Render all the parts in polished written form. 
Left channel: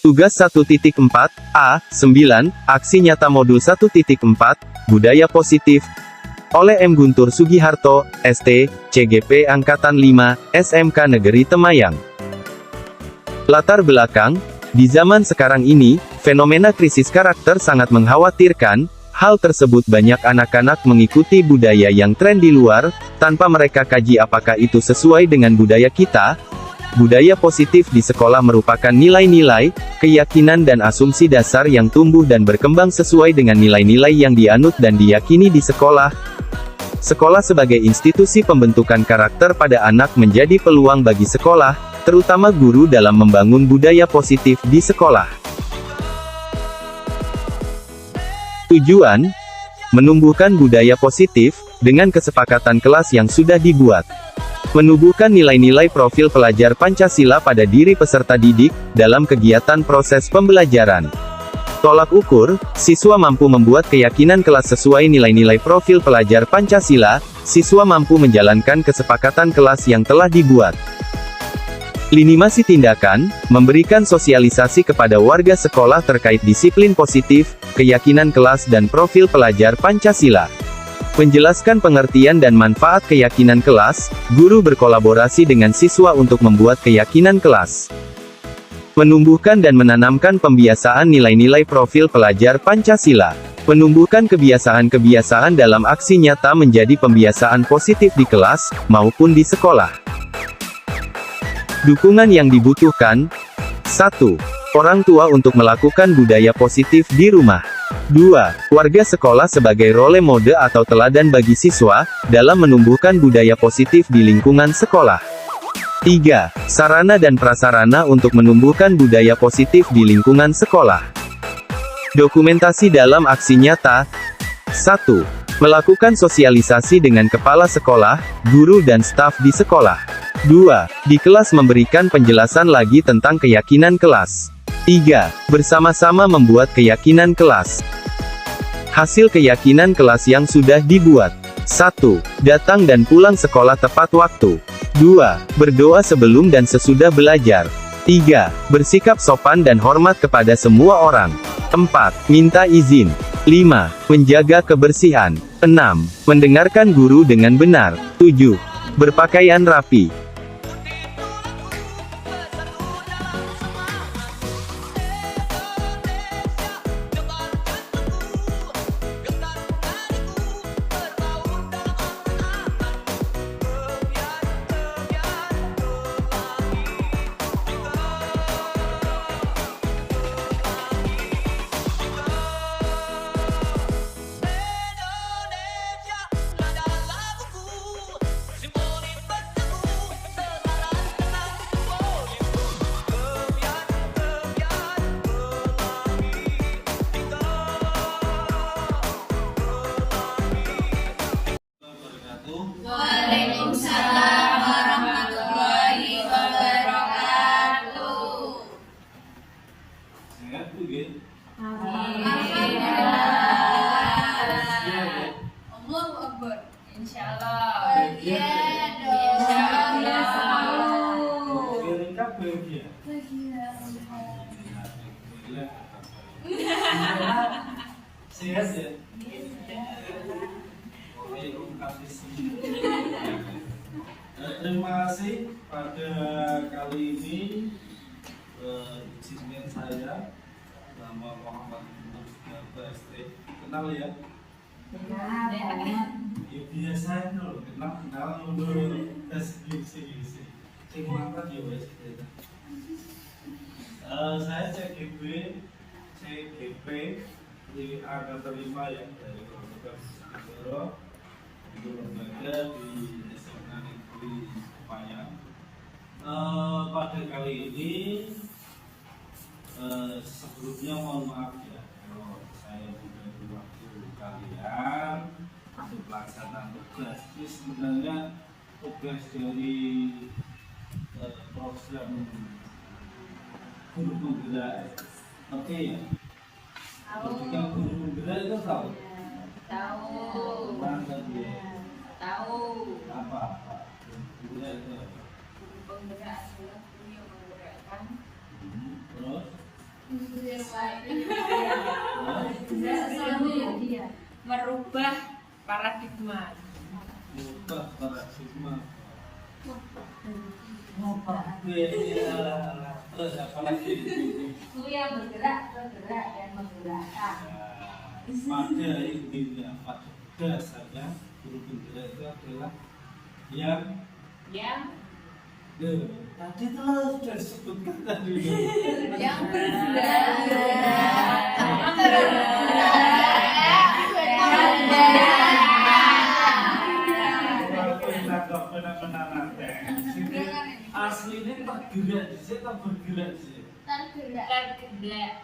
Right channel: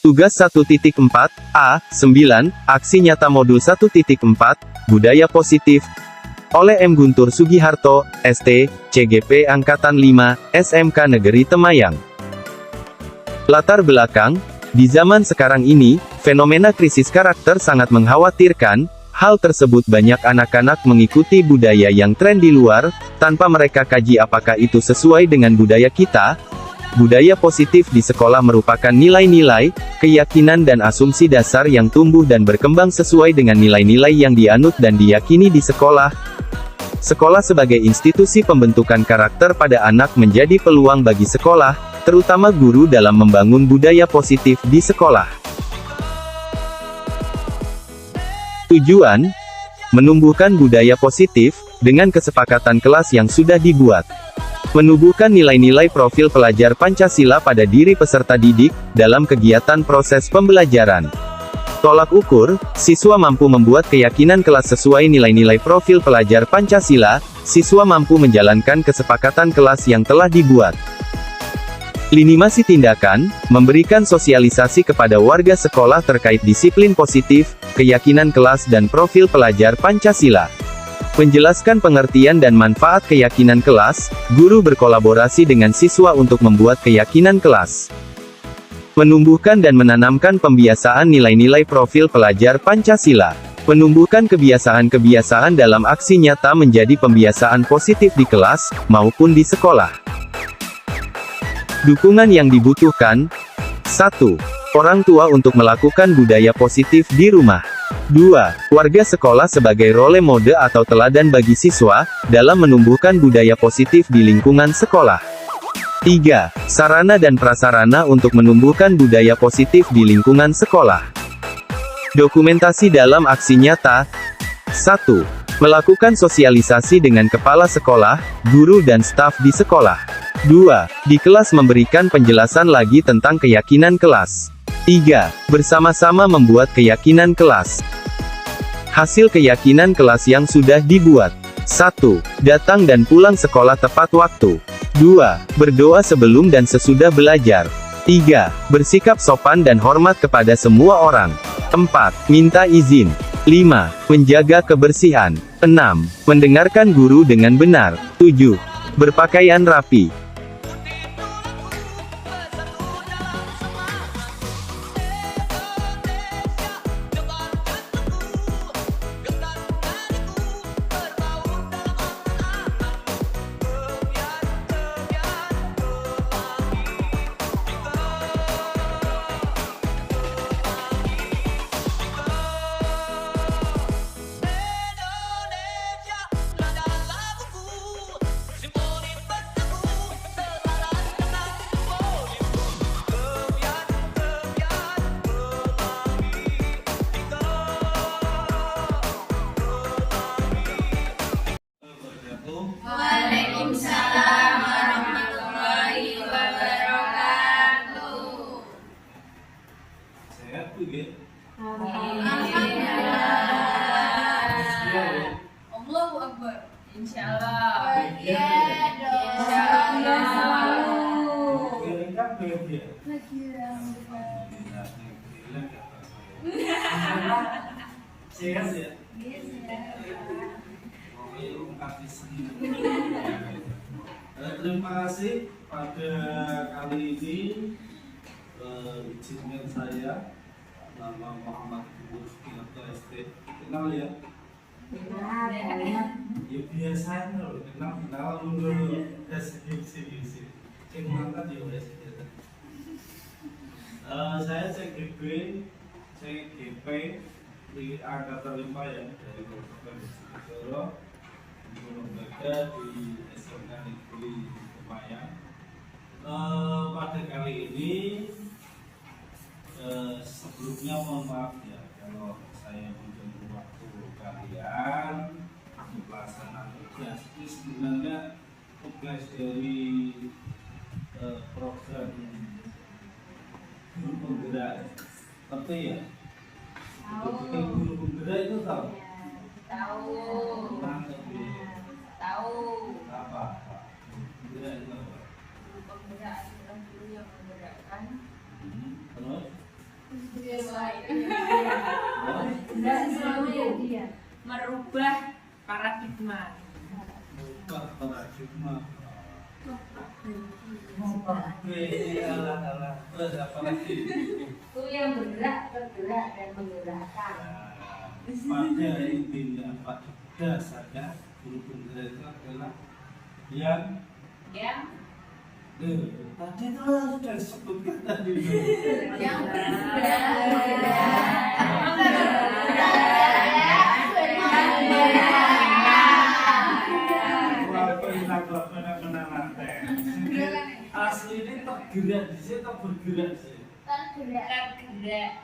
Tugas 1.4, A9, Aksi Nyata Modul 1.4, Budaya Positif, oleh M. Guntur Sugiharto, ST, CGP Angkatan 5, SMK Negeri Temayang. Latar belakang, di zaman sekarang ini, fenomena krisis karakter sangat mengkhawatirkan. Hal tersebut banyak anak-anak mengikuti budaya yang tren di luar, tanpa mereka kaji apakah itu sesuai dengan budaya kita. Budaya positif di sekolah merupakan nilai-nilai, keyakinan dan asumsi dasar yang tumbuh dan berkembang sesuai dengan nilai-nilai yang dianut dan diyakini di sekolah. Sekolah sebagai institusi pembentukan karakter pada anak menjadi peluang bagi sekolah, terutama guru dalam membangun budaya positif di sekolah. Tujuan: menumbuhkan budaya positif, dengan kesepakatan kelas yang sudah dibuat. Menumbuhkan nilai-nilai profil pelajar Pancasila pada diri peserta didik, dalam kegiatan proses pembelajaran. Tolak ukur, siswa mampu membuat keyakinan kelas sesuai nilai-nilai profil pelajar Pancasila, siswa mampu menjalankan kesepakatan kelas yang telah dibuat. Linimasi tindakan, memberikan sosialisasi kepada warga sekolah terkait disiplin positif, keyakinan kelas dan profil pelajar Pancasila. Menjelaskan pengertian dan manfaat keyakinan kelas, guru berkolaborasi dengan siswa untuk membuat keyakinan kelas. Menumbuhkan dan menanamkan pembiasaan nilai-nilai profil pelajar Pancasila. Menumbuhkan kebiasaan-kebiasaan dalam aksi nyata menjadi pembiasaan positif di kelas, maupun di sekolah. Dukungan yang dibutuhkan. 1. Orang tua untuk melakukan budaya positif di rumah. 2. Warga sekolah sebagai role model atau teladan bagi siswa, dalam menumbuhkan budaya positif di lingkungan sekolah. 3. Sarana dan prasarana untuk menumbuhkan budaya positif di lingkungan sekolah. Dokumentasi dalam aksi nyata. 1. Melakukan sosialisasi dengan kepala sekolah, guru dan staf di sekolah. 2. Di kelas memberikan penjelasan lagi tentang keyakinan kelas. 3. Bersama-sama membuat keyakinan kelas. Hasil keyakinan kelas yang sudah dibuat. 1. Datang dan pulang sekolah tepat waktu. 2. Berdoa sebelum dan sesudah belajar. 3. Bersikap sopan dan hormat kepada semua orang. 4. Minta izin. 5. Menjaga kebersihan. 6. Mendengarkan guru dengan benar. 7. Berpakaian rapi. Waalaikumsalam warahmatullahi wabarakatuh. Sehat Bu ya? Allahu Akbar. Insyaallah. Iya dong. Biar kabeh ya. Sehat ya? Terima kasih pada kali ini izinkan saya nama Muhammad Guntur Sugiharto ST. Kenal ya? Ya biasa loh, kenal dulu deskripsi. Mangkat ya wes. Saya CGP di Angkatan 5 yang dari Kabupaten Bojonegoro, lembaga di SMK Negeri Temayang. Pada kali ini sebelumnya mohon maaf ya kalau saya mengganggu waktu kalian untuk pelaksanaan tugas. Ini sebenarnya tugas dari program guru penggerak, ngerti ya? Ketika guru penggerak itu tahu? Tahu. Tahu. Apa? Guru penggerak itu apa? Guru penggerak adalah guru yang menggerakkan. Terus? Merubah paradigma. Ubah paradigma. Apalagi Itu yang bergerak, tergerak, dan menggerakkan. pada intinya, pada dasarnya guru penggerak itu adalah yang tadi tuh sudah disebutkan tadi Yang aslinya tergerak di sini atau bergerak sih? tergerak.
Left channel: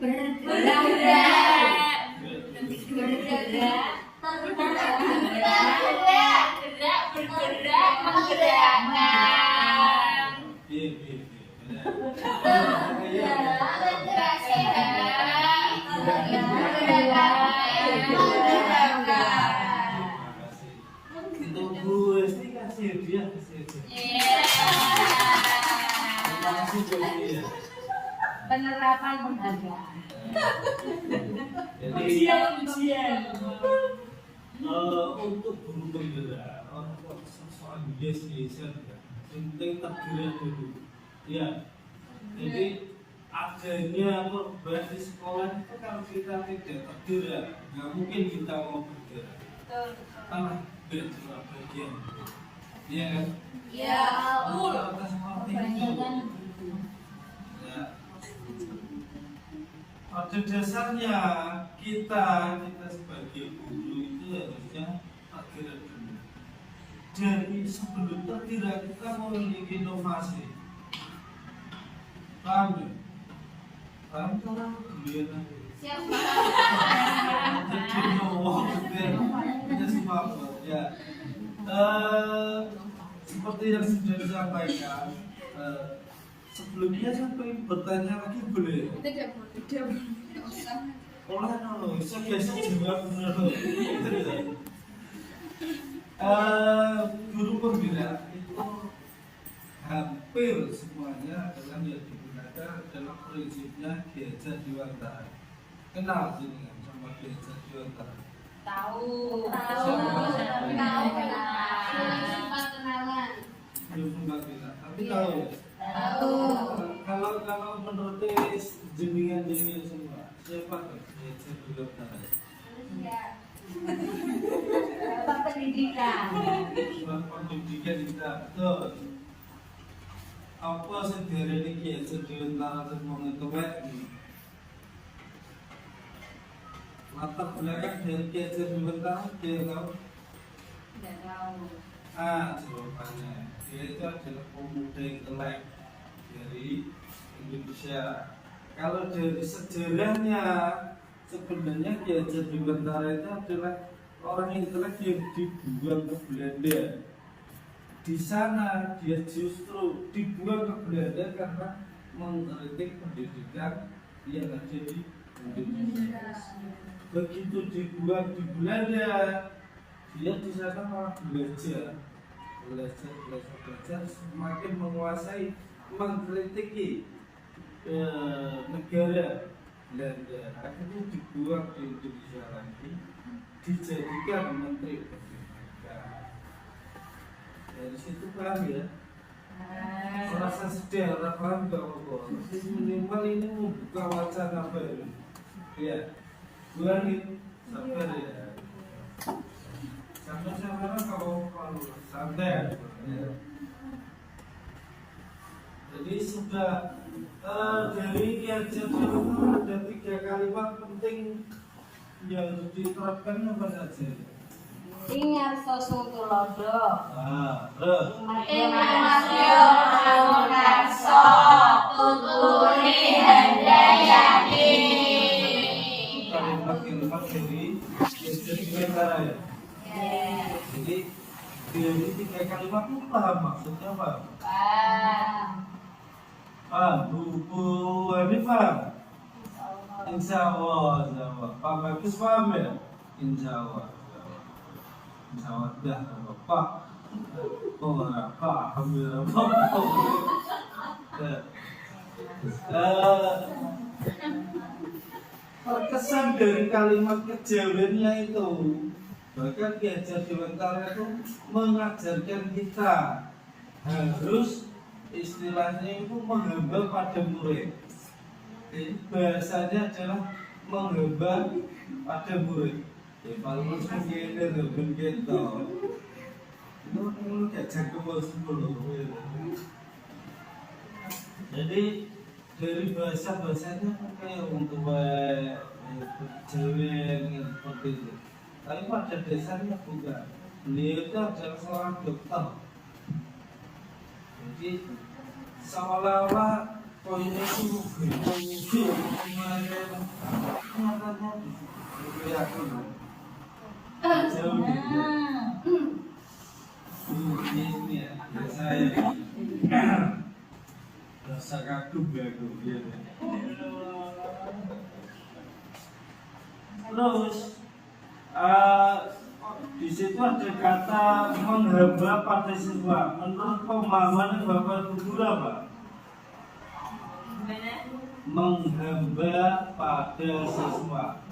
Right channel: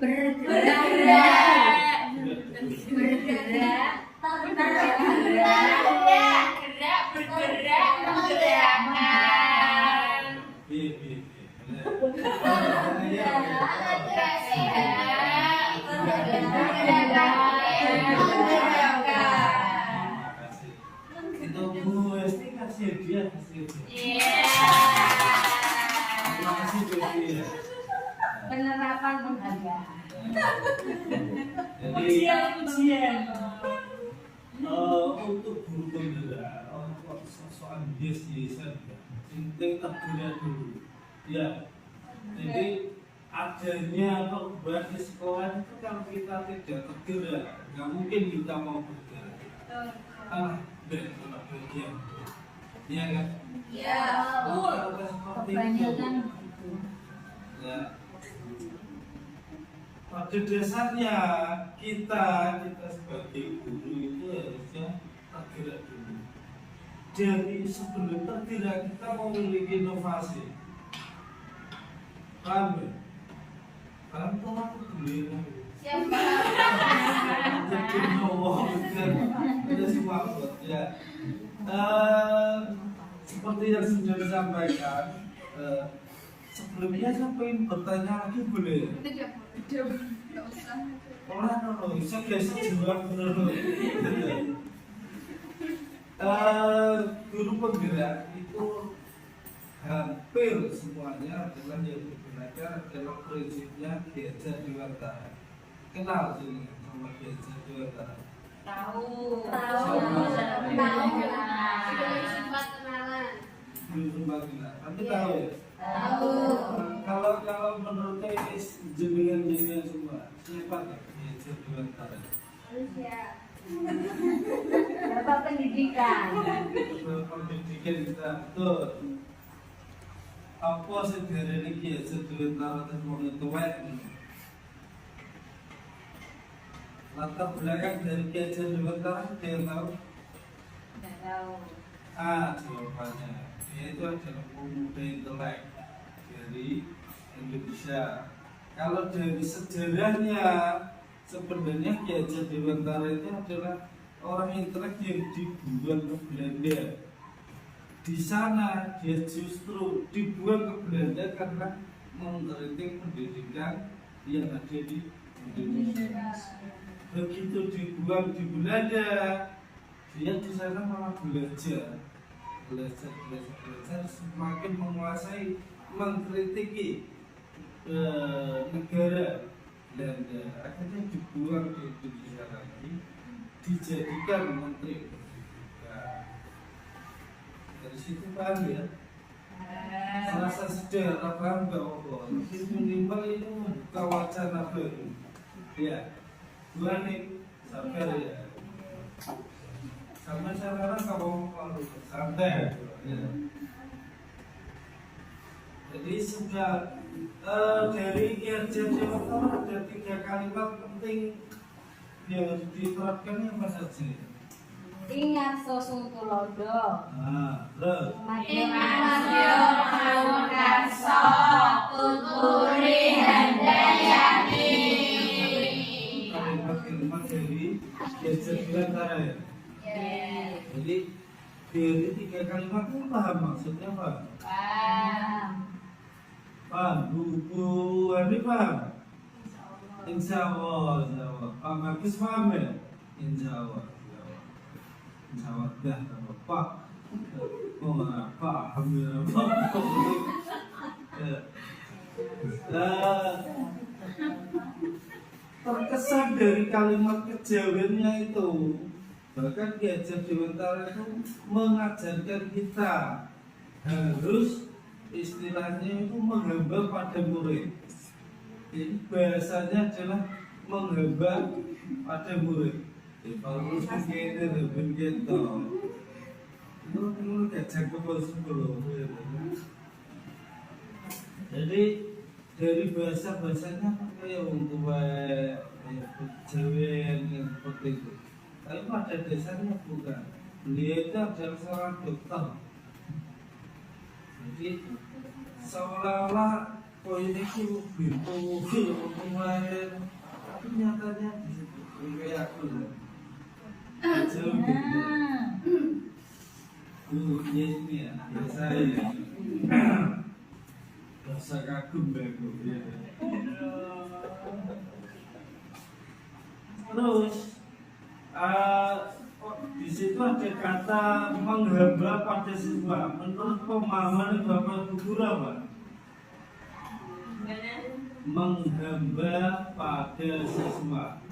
Bergerak, menggerakkan. Iya. Itu Bu Esti kasih hadiah. Terima kasih Jovi ya. Penerapan penghargaan. Jadi untuk guru penggerak soal yes-yesan ya, penting tergerak dulu ya. Jadi adanya perubahan di sekolah itu kalau kita tidak tergerak, nggak mungkin kita mau bergerak. Kalah bergerak bagian, iya kan? Iya, Rata-rata seperti itu. Ya. Pada dasarnya kita sebagai guru itu harusnya tergerak dulu. Jadi sebelum tergerak kita memiliki inovasi. Paham ya? Paham tuh aku dulu ya. siapa? Jadi ngomong itu semua buat ya. Seperti yang sudah disampaikan, sebelumnya sampai bertanya lagi boleh? Tidak boleh, tidak usah. Saya biasa jawab bener loh. Gitu ya. Guru penggerak itu hampir semuanya adalah yang digunakan adalah prinsipnya Diajar Dewantara. Kenal sih sama Diajar Dewantara? Tahu. Sempat kenalan. Belum sempat bilang, tapi tahu ya. Tahu. Kalau menurut jenengan semua, siapa tuh Diajar Dewantara? Bapak pendidikan. Pendidikan kita betul. Apa sih dari Diajar Dewantara dan mau ngetuwek? Latar belakang dari Diajar Dewantara dia tahu? Tidak tahu. Jawabannya dia itu adalah pemuda intelek dari Indonesia. Kalau dari sejarahnya sebenarnya Diajar Dewantara itu adalah orang intelek yang dibuang ke Belanda. Di sana dia justru dibuang ke Belanda karena mengkritik pendidikan yang ada di Indonesia. Begitu dibuang di Belanda, dia di sana malah belajar, semakin menguasai, mengkritiki negara Belanda. Akhirnya dibuang di Indonesia lagi, dijadikan menteri pendidikan. Dari situ paham ya? Merasa sejarah paham gak apa? Minimal ini membuka wacana baru. Ya, gua nih sabar ya. Sampai sekarang kalau mau santai. Ya. Jadi sudah dari Diajar Dewantara ada 3 kalimat penting yang harus diterapkan apa saja. Ingat sosu tulodo. Terus Innamasyo karso tuturi handayani. kalimat-kalimat dari Diajar Dewantara ya. Jadi dari 3 kalimat itu paham maksudnya apa? Paham? Bu Hani paham? Insya Allah. Pak Bagus paham ya? Insya Allah. Dah Pak. Pak, alhamdulillah. terkesan dari kalimat kejawennya itu. Bahkan Ki Hajar Dewantara itu mengajarkan kita harus istilahnya itu menghamba pada murid. Jadi bahasanya adalah menghamba pada murid. Ya kalau kan kayaknya lebih gitu. Itu Hajar Kebal 10. Jadi dari bahasa-bahasanya kayak untuk Jawa seperti itu. Tapi pada dasarnya bukan. Beliau itu adalah seorang dokter. Jadi seolah-olah poinnya itu begitu kemarin nyatanya gue yakin jauh gitu. Ini ya biasa kagum ya gue. Terus di situ ada kata menghamba pada siswa. Menurut pemahaman Bapak Guru apa? Menghamba pada siswa.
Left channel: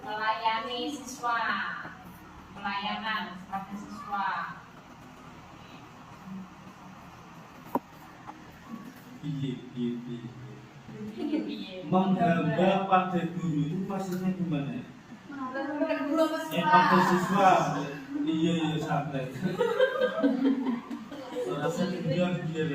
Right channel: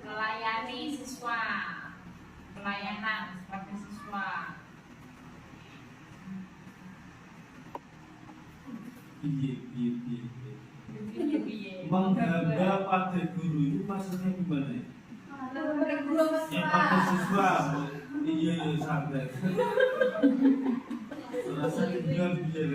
Melayani siswa. Pelayanan pada siswa. Piye. Menghamba pada guru itu maksudnya gimana ya? Pada siswa. Iya santai. Rasanya bilang dia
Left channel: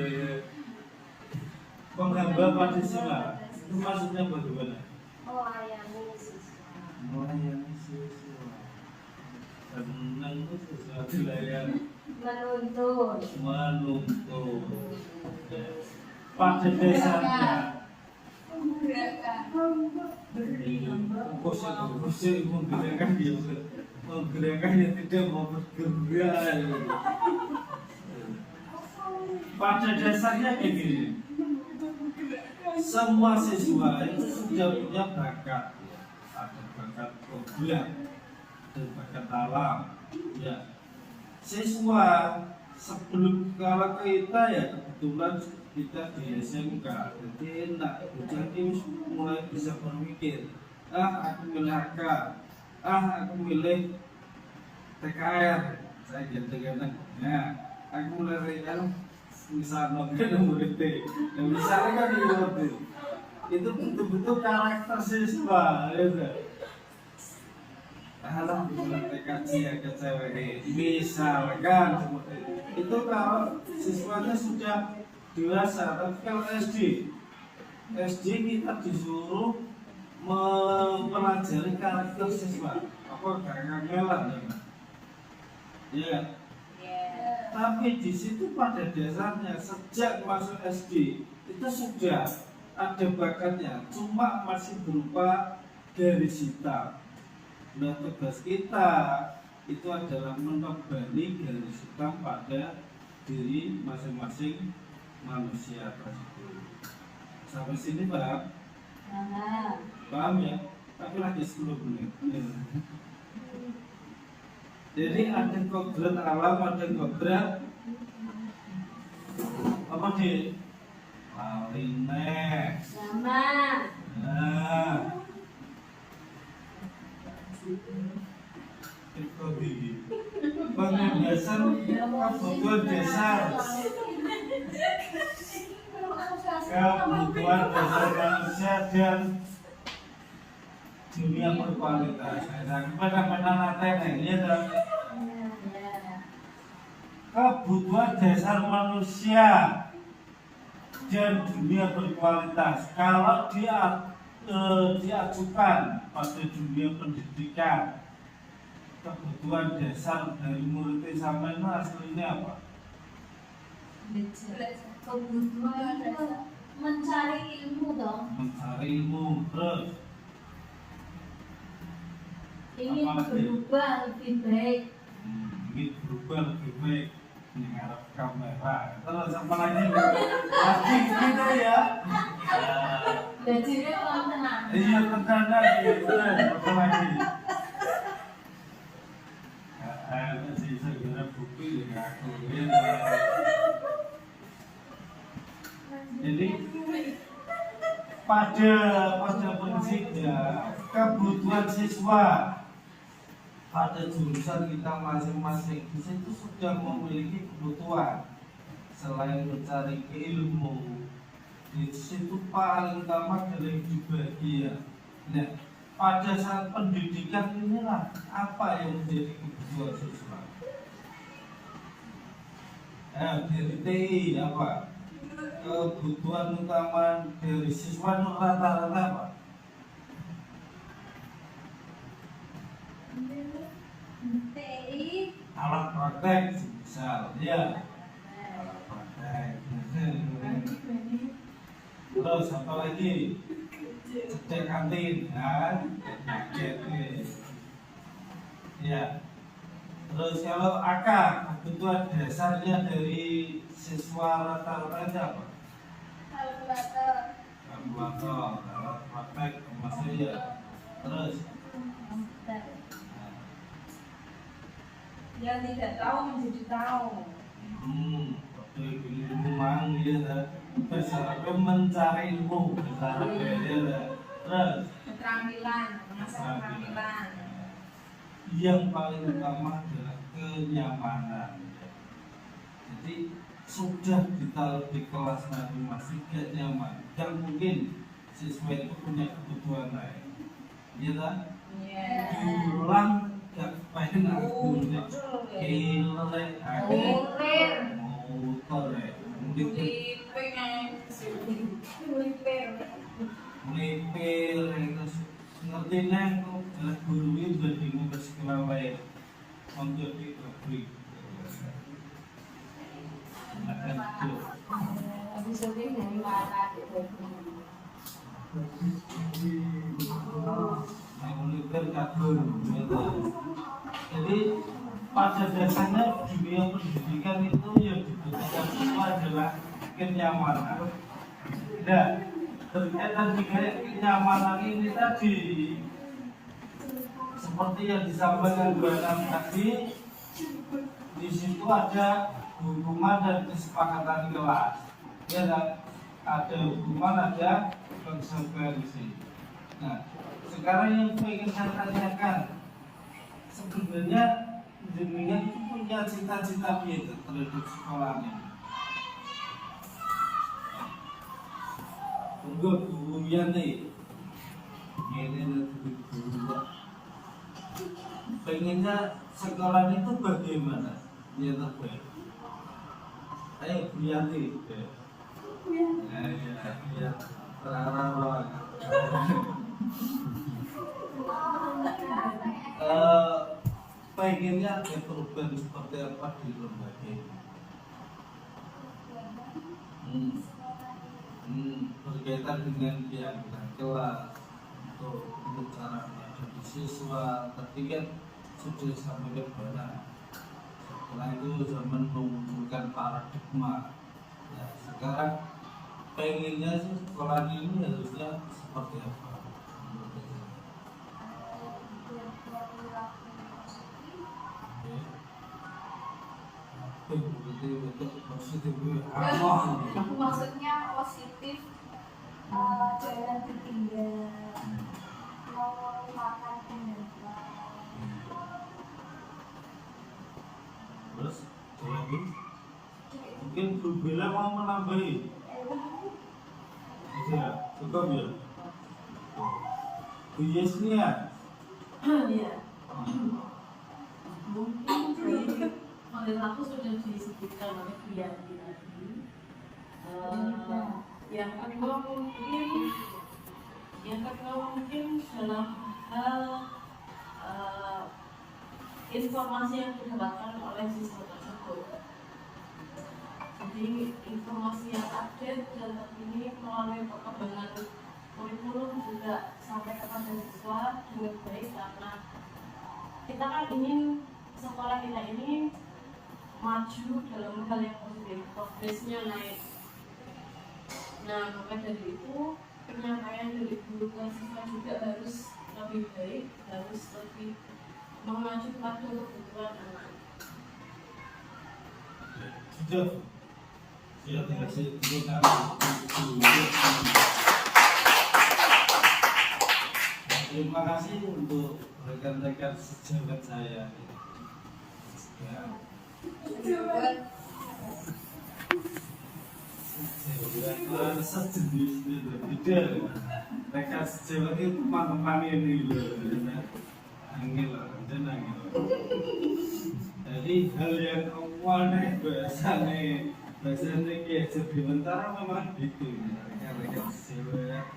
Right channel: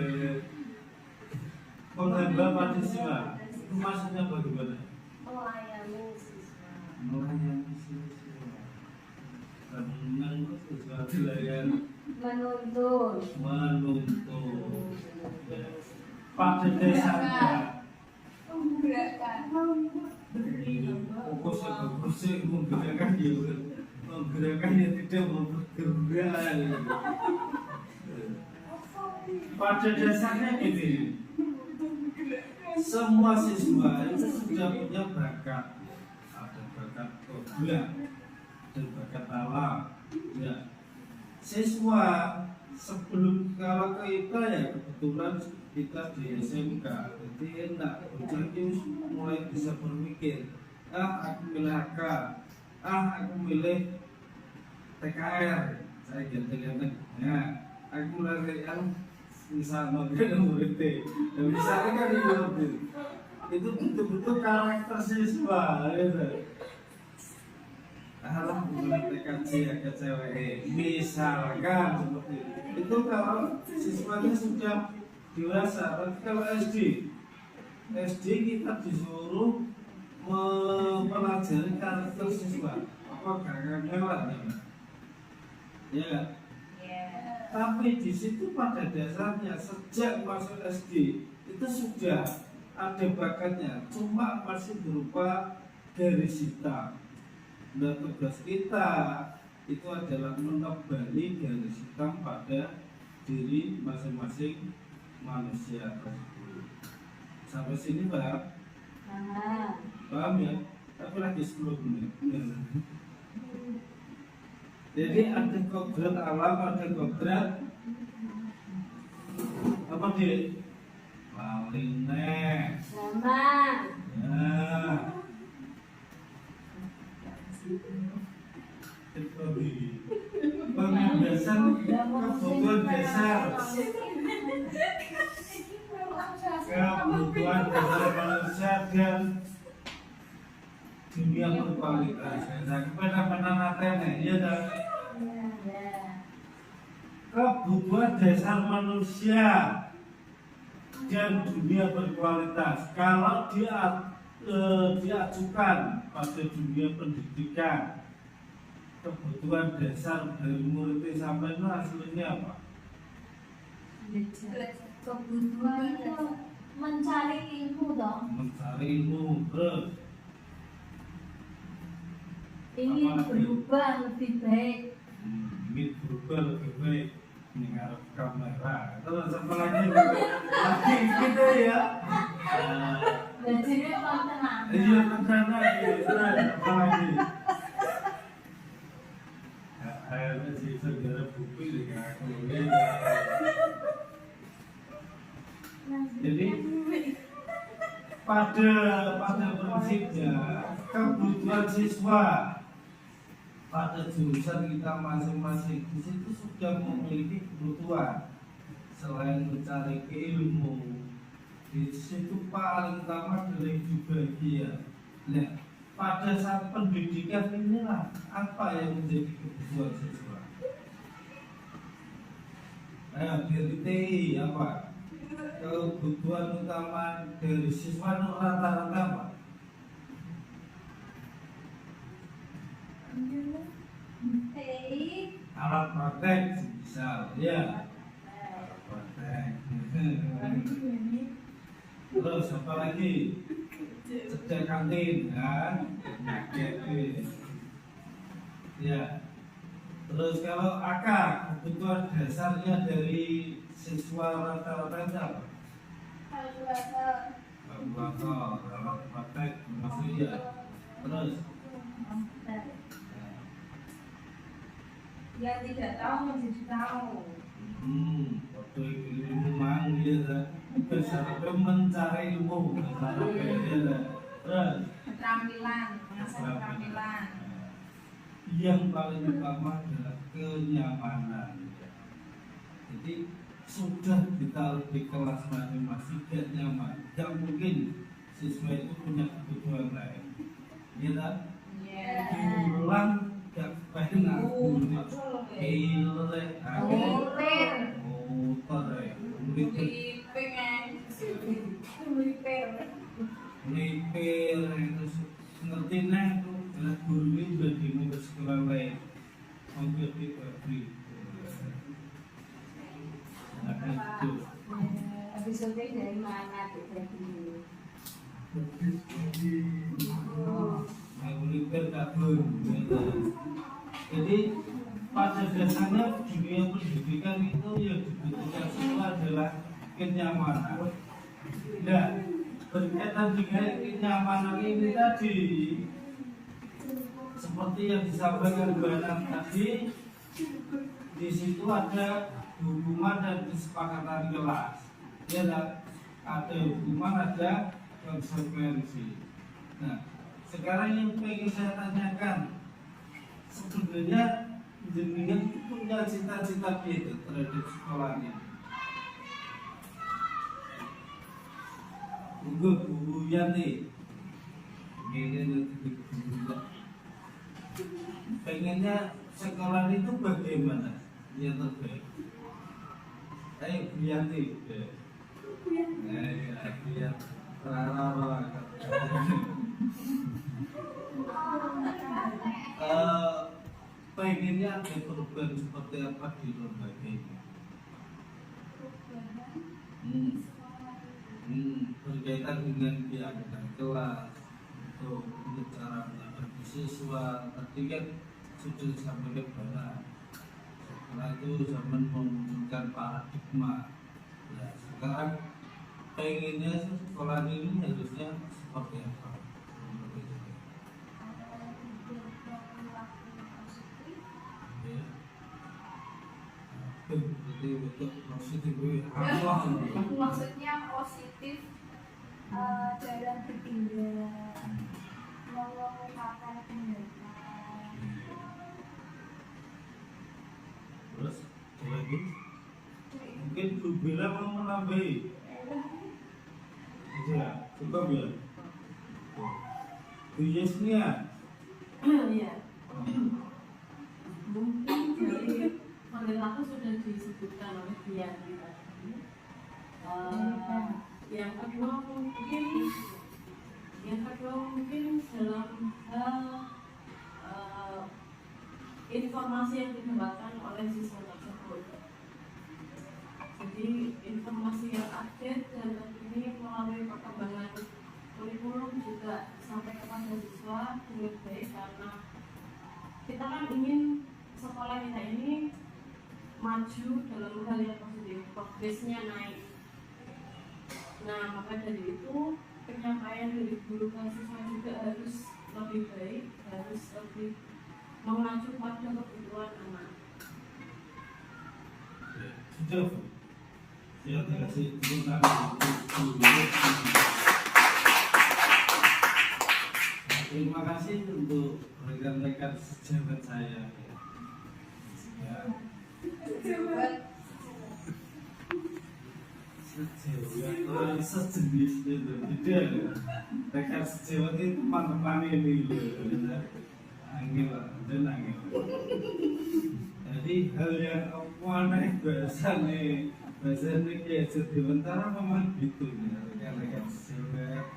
menghamba pada siswa. Itu maksudnya bagaimana? Melayani siswa. Melayani siswa. Senang itu sesuatu layan. Menuntun. Ya. Pada dasarnya Kusik menggerakkan yang tidak mau bergerak. Pada dasarnya gini, semua siswa itu sudah punya bakat. Ada bakat kodrat, ada bakat alam. Ya, siswa sebelum kalau kita ya kebetulan kita di SMK, jadi enggak bocah mulai bisa berpikir, aku milih AK, aku milih TKR, saya ganti-ganti, ya, aku milih RL, misalnya UT, dan misalnya kan itu betul-betul karakter siswa, gitu. Kalau bukan TKC ya kecewa, misalkan seperti itu kalau siswanya sudah dewasa. Tapi kalau SD kita disuruh mempelajari karakter siswa, apa gak ngelan ya. Tapi di situ pada dasarnya sejak masuk SD itu sudah ada bakatnya, cuma masih berupa garis hitam. Nah, tugas kita itu adalah menebani garis hitam pada diri masing-masing manusia tersebut. Sampai sini paham? Paham ya? Tapi lagi 10 menit. Jadi ada kodrat alam, ada kodrat apa sih? Paling Zaman. Nah, bagian dasar kebutuhan dasar manusia dan dunia berkualitas. Pada nanti ya kebutuhan dasar manusia dan dunia berkualitas. Kalau diajukan pada dunia pendidikan, kebutuhan dasar dari murid sampai itu aslinya apa? Kebutuhan itu mencari ilmu dong. Mencari ilmu, terus Ingin berubah lebih baik. ingin berubah lebih baik. Ini ngarep kamera. Terus apa lagi gitu ya. Belajarnya pelan tenang. Iya tenang apa lagi? Si saudara bukti ya aku jadi pada prinsipnya kebutuhan siswa pada jurusan kita masing-masing di situ sudah memiliki kebutuhan selain mencari ilmu di situ paling utama adalah bahagia. Nah, pada saat pendidikan inilah apa yang menjadi kebutuhan siswa. Nah, dari TI apa? Kebutuhan utama dari siswa rata-rata apa? Alat praktek misal, ya. Alat praktek. Terus apa lagi? Cek kantin, kan? Ya. Terus kalau AK, kebutuhan dasarnya dari siswa rata-rata itu apa? Kalkulator, alat praktek, maksudnya ya. Terus Yang tidak tahu menjadi tahu. waktu itu memang dia besar mencari ilmu, besar dia. Terus Keterampilan, mengasah keterampilan. yang paling utama adalah kenyamanan. Jadi sudah kita lebih kelas masing-masing gak nyaman. Gak mungkin siswa itu punya kebutuhan lain. Iya tak? Iya. Diulang gak pengen aku killer motor melipir terus ngerti nih tuh guru ini udah bingung bersekolah lain hampir di pabrik. Nah itu Episode dari mana melipir kabur. Jadi pada dasarnya dunia pendidikan itu yang dibutuhkan siswa adalah kenyamanan. Nah, berkaitan dengan kenyamanan ini tadi, seperti yang disampaikan Bu Anam tadi, di situ ada hukuman dan kesepakatan kelas. Ya, ada hukuman, ada konsekuensi. Nah, sekarang yang ingin saya tanyakan, sebenarnya jenengan punya cita-cita apa terhadap sekolahnya? Enggak guru ya nih, ini nanti guru. Pengennya sekolah itu bagaimana? Yang terbaik. Ayo Buyanti. Ya, terarah. Pengennya ada perubahan seperti apa di lembaga ini? Berkaitan dengan kegiatan kelas untuk cara menghadapi siswa. Tadi kan sudah disampaikan bahwa setelah itu zaman memunculkan paradigma. Nah, sekarang pengennya sekolah ini harusnya seperti apa? Maksudnya positif jalan bertinggal, melupakan tindakan. Terus lagi mungkin Bu Bella mau menambahi. Ya, cukup ya. Bu Yesnia. Ya, mungkin dari model aku sudah disebutkan oleh Bu Yanti tadi. Yang kedua mungkin dalam hal informasi yang didapatkan oleh siswa tersebut. Jadi informasi yang update dan ini melalui perkembangan kurikulum juga sampai kepada siswa dengan baik, karena kita kan ingin sekolah kita ini maju dalam hal yang positif, progresnya naik. Nah, maka dari itu penyampaian dari guru ke siswa juga harus lebih baik, harus lebih mengacu pada kebutuhan anak. Sudah. Ya, dikasih dulu nama. Terima kasih untuk rekan-rekan sejawat saya. Ya. Sejawat sejenis itu tidak. Rekan sejawat itu teman-teman ini loh. Angel lah, dan angel. Jadi hal yang aneh biasanya kayak sementara memang gitu ya, rekan-rekan sejawat.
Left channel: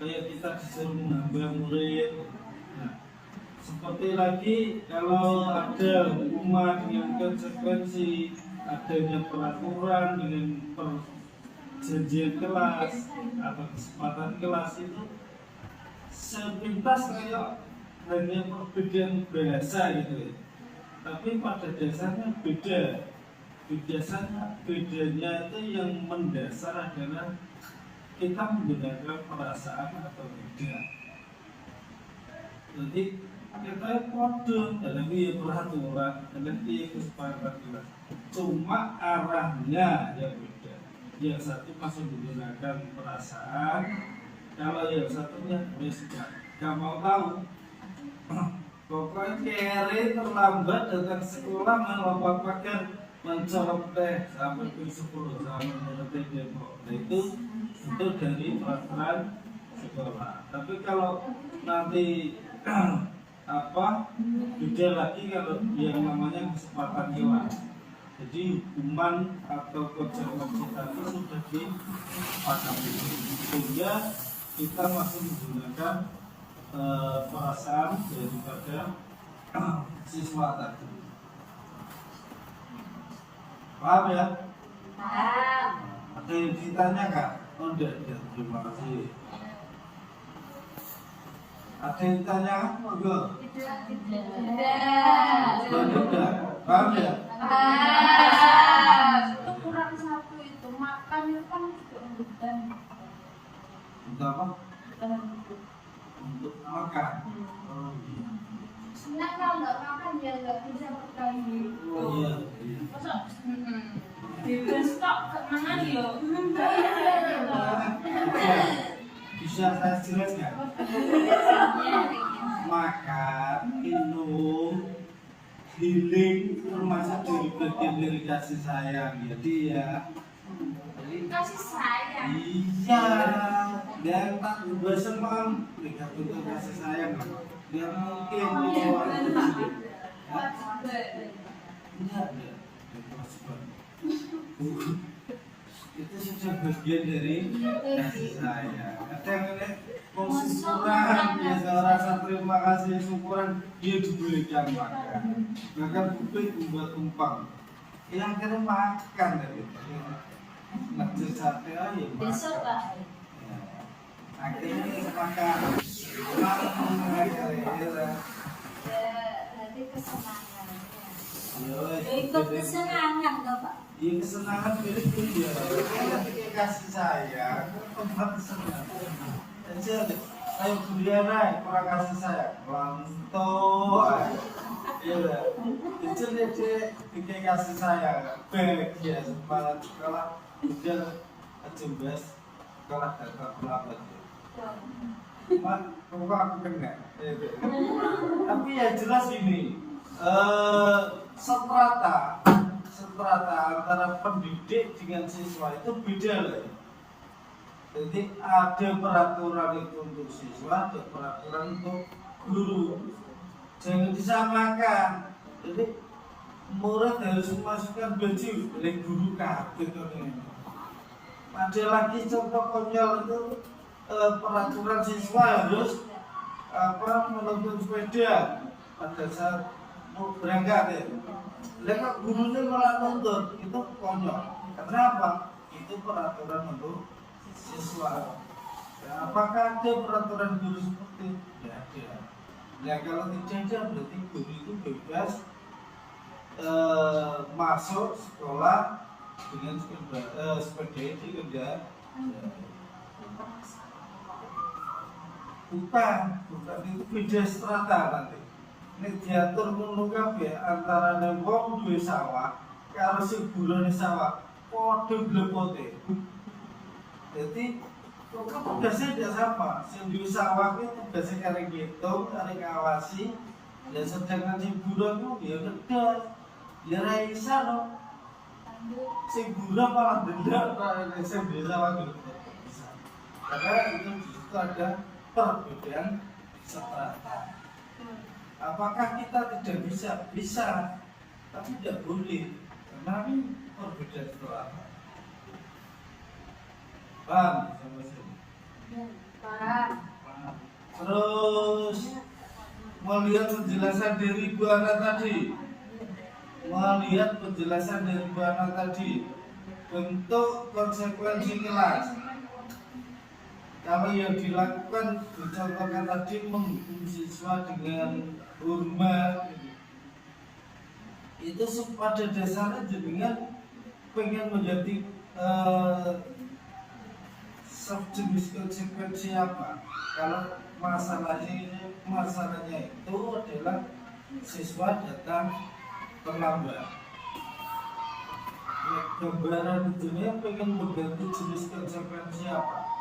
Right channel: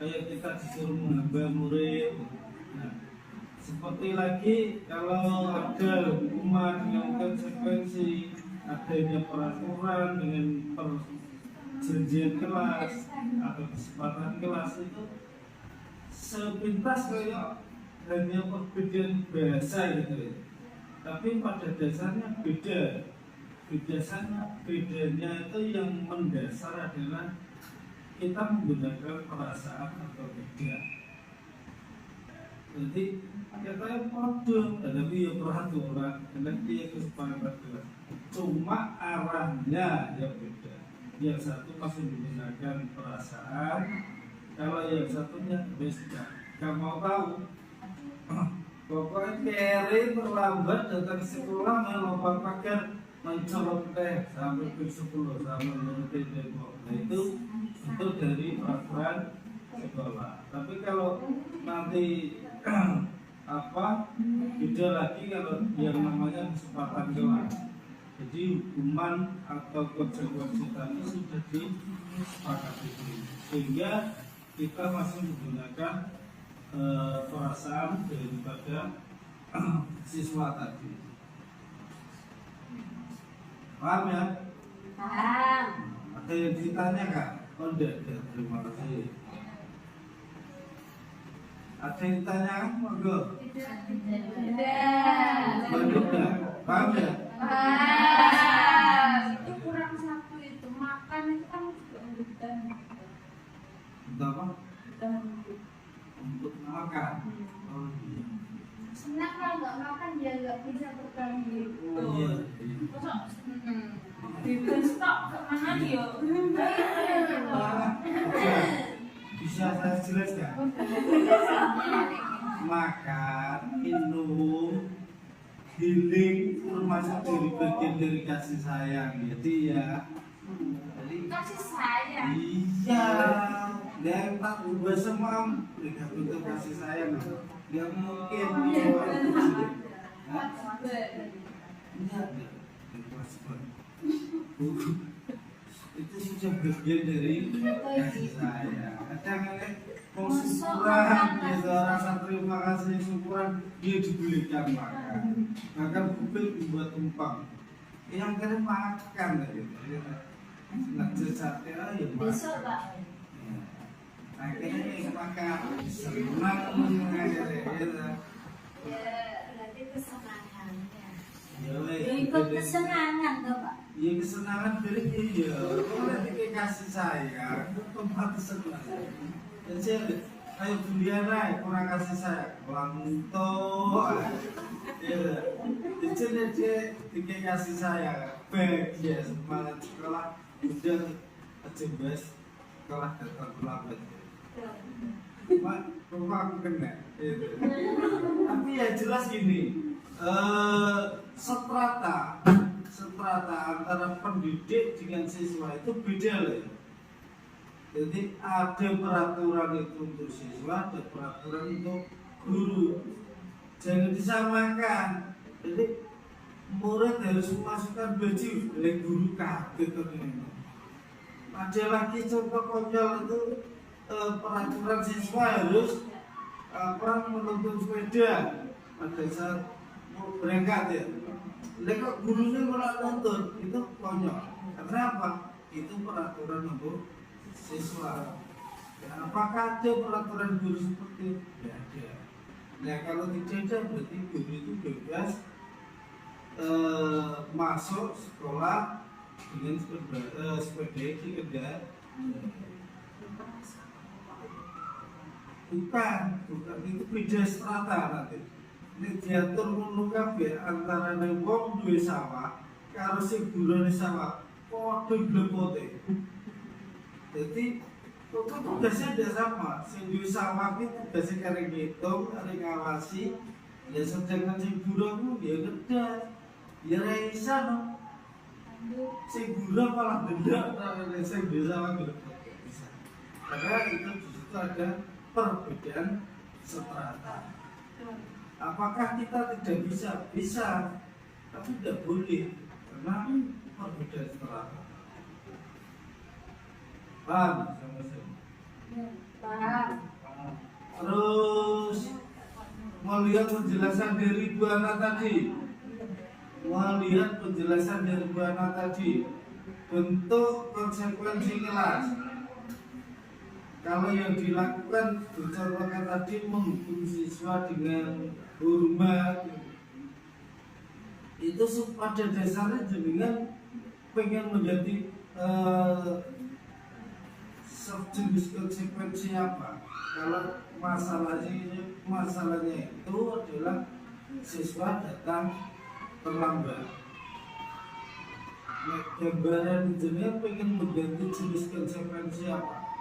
Kayak kita disuruh menambah murid. Nah, seperti lagi kalau ada hukuman yang konsekuensi adanya peraturan dengan perjanjian kelas atau kesempatan kelas itu sepintas kayak hanya perbedaan bahasa gitu ya. Tapi pada dasarnya beda. Bedanya itu yang mendasar adalah kita menggunakan perasaan atau tidak. Jadi kita kode dalam dia peraturan, dalam dia kesepakatan kelas. Cuma arahnya yang beda. Yang satu masih menggunakan perasaan, kalau yang satunya beda. Gak mau tahu. Pokoknya kere terlambat datang sekolah melompat pagar mencolok teh sampai ke 10 sampai mengerti tembok. Itu dari peraturan sekolah. Tapi kalau nanti beda lagi kalau yang namanya kesempatan kelas. Jadi hukuman atau konsekuensi tadi sudah disepakati, sehingga kita masih menggunakan perasaan daripada siswa tadi. Paham ya? Paham. Ada yang ditanya kak? Oh enggak, terima kasih. Ada yang ditanya? Enggak. Tidak. Paham ya? Itu kurang satu itu makan itu kan juga rebutan. Untuk apa? Rebutan hidup. Untuk makan. Oh iya. Senang kalau nggak makan ya nggak bisa bertahan hidup. Oh iya. Masa? Bebas tok kemana ya? Bisa saya jelaskan? Makan, minum, healing termasuk dari bagian dari kasih sayang. Jadi ya. Kasih sayang. Iya. Dan tak ubah semam mereka bentuk kasih sayang. Gak mungkin. Iya. Itu sudah bagian dari kasih sayang. Kadang ini mau syukuran, ya rasa terima kasih syukuran dia diberikan makan. Bahkan kuping buat tumpang. Yang kira makan dari nanti sate aja Besok lah. akhirnya makan. Senang akhirnya. Ya, berarti kesenangannya. Ya, Ikut kesenangan dong Pak. iya kesenangan dari dia. Ketika kasih sayang, tempat kesenangan. Jadi ayo kuliah naik kurang kasih sayang, lanto. Iya, jadi dia ketika kasih sayang, baik ya semangat sekolah, udah coba sekolah datang lambat. Mak, kok aku kena? Tapi ya jelas gini, strata antara pendidik dengan siswa itu beda lah. Jadi ada peraturan itu untuk siswa, ada peraturan untuk guru. Jangan disamakan. Jadi murid harus memasukkan baju oleh guru gitu. Ada lagi contoh konyol itu peraturan siswa harus menuntun sepeda pada saat mau berangkat ya. Lihat gurunya malah nuntut, itu konyol. Kenapa? Itu peraturan untuk siswa. Ya, apakah ada peraturan guru seperti itu? Ya ada. Nah kalau tidak ada berarti guru itu bebas masuk sekolah dengan sepeda itu kerja. Bukan itu beda strata nanti. Ini diatur ngono kabeh antara wong duwe sawah karo sing burane sawah padha blepote. Jadi tugasnya tidak sama. Sing diusawak itu tugasnya karek ngitung, karek ngawasi. Dan sedangkan sing buruh itu dia kedas, dia raisa no. Sing buruh malah dendam, sing diusawak itu bisa. Karena itu di situ ada perbedaan strata. Apakah kita tidak bisa? Bisa, tapi tidak boleh karena perbedaan strata. Paham sampai sini? Paham. Terus melihat penjelasan dari Bu Ana tadi, bentuk konsekuensi kelas. Kalau yang dilakukan dicontohkan tadi menghukum siswa dengan hormat, itu pada dasarnya jenengan pengen menjadi jenis konsekuensi apa? Kalau masalahnya itu adalah siswa datang terlambat. Gambaran jenengan pengen mengganti jenis konsekuensi apa?